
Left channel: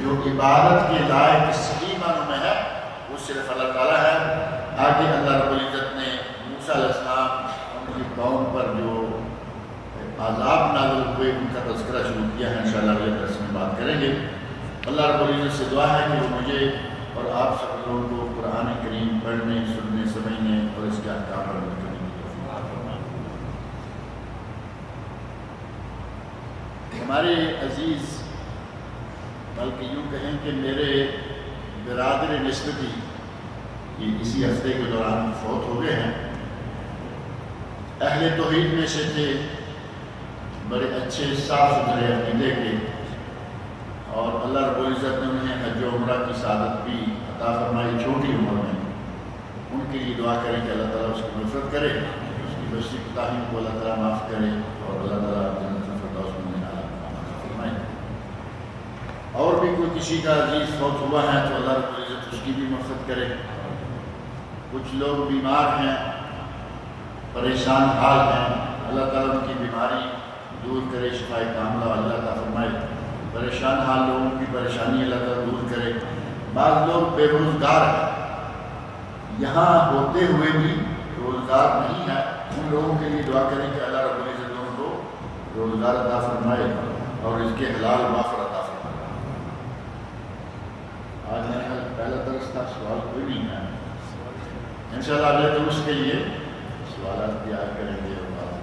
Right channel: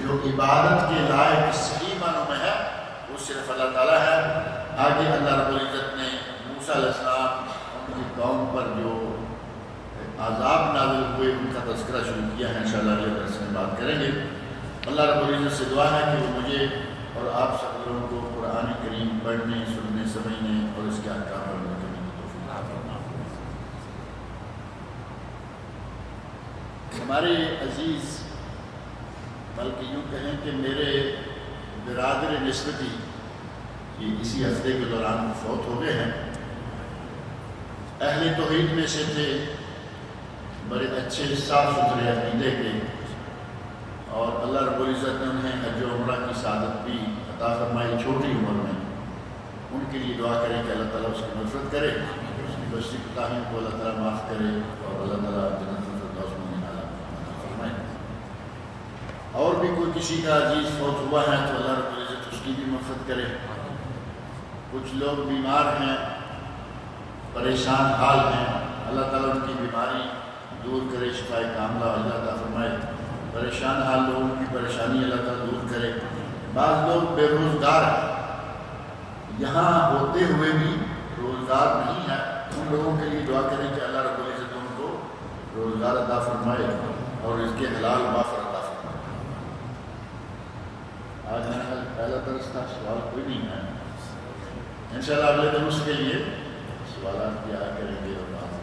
جو عبادت کے لائق صحیح معنوں میں ہے وہ صرف اللہ تعالیٰ ہے۔ آگے اللہ رب العزت نے موسیٰ علیہ السلام ان کی قوم پر جو عذاب نازل ہوئے ان کا تذکرہ شروع کیا ہے، انشاءاللہ اگلے درس میں بات کریں گے۔ اللہ رب العزت سے دعا ہے کہ وہ مجھے اور آپ سب لوگوں کو قرآن کریم پڑھنے، سننے، سمجھنے اور اس کے احکام پر عمل کرنے کی توفیق عطا فرمائے۔ ہمارے عزیز، بلکہ یوں کہیں کہ میرے برادر نسبتی یہ اسی ہفتے کے دوران فوت ہو گئے ہیں، اہل توحید میں سے تھے، بڑے اچھے صاف ستھرے عقیدے کے، اور اللہ رب العزت نے انہیں حج و عمرہ کی سعادت بھی عطا فرمائی چھوٹی عمر میں۔ ان کے لیے دعا کریں کہ اللہ تعالیٰ اس کی مغفرت کرے، اس کی بچی کوتاہیوں کو اللہ تعالیٰ معاف کرے، اور اللہ تعالیٰ جنت الفردوس میں عطا فرمائے۔ اور بھی کوئی کسی کا عزیز فوت ہوا ہے تو اللہ رب العزت اس کی بھی مغفرت کرے۔ کچھ لوگ بیمار ہیں، پریشان حال ہیں، اللہ تعالیٰ ان کی بیماری دور کرے، شفاء کاملہ اللہ عطا فرمائے۔ پریشان حال لوگوں کی پریشانی اللہ تعالیٰ دور کرے۔ بعض لوگ بے روزگار ہیں، یہاں ہوتے ہوئے بھی روزگار نہیں ہے، ان لوگوں کے لیے دعا کریں کہ اللہ رب العزت ان کو روزگار عطا فرمائے اور اس کے حلال وافر عطا فرمائے۔ آج میرا خیال پہلا درس تھا، سوال کوئی نہیں ہے، انشاءاللہ اگلے درس کے لیے سوالات بھی آیا کریں گے اور بات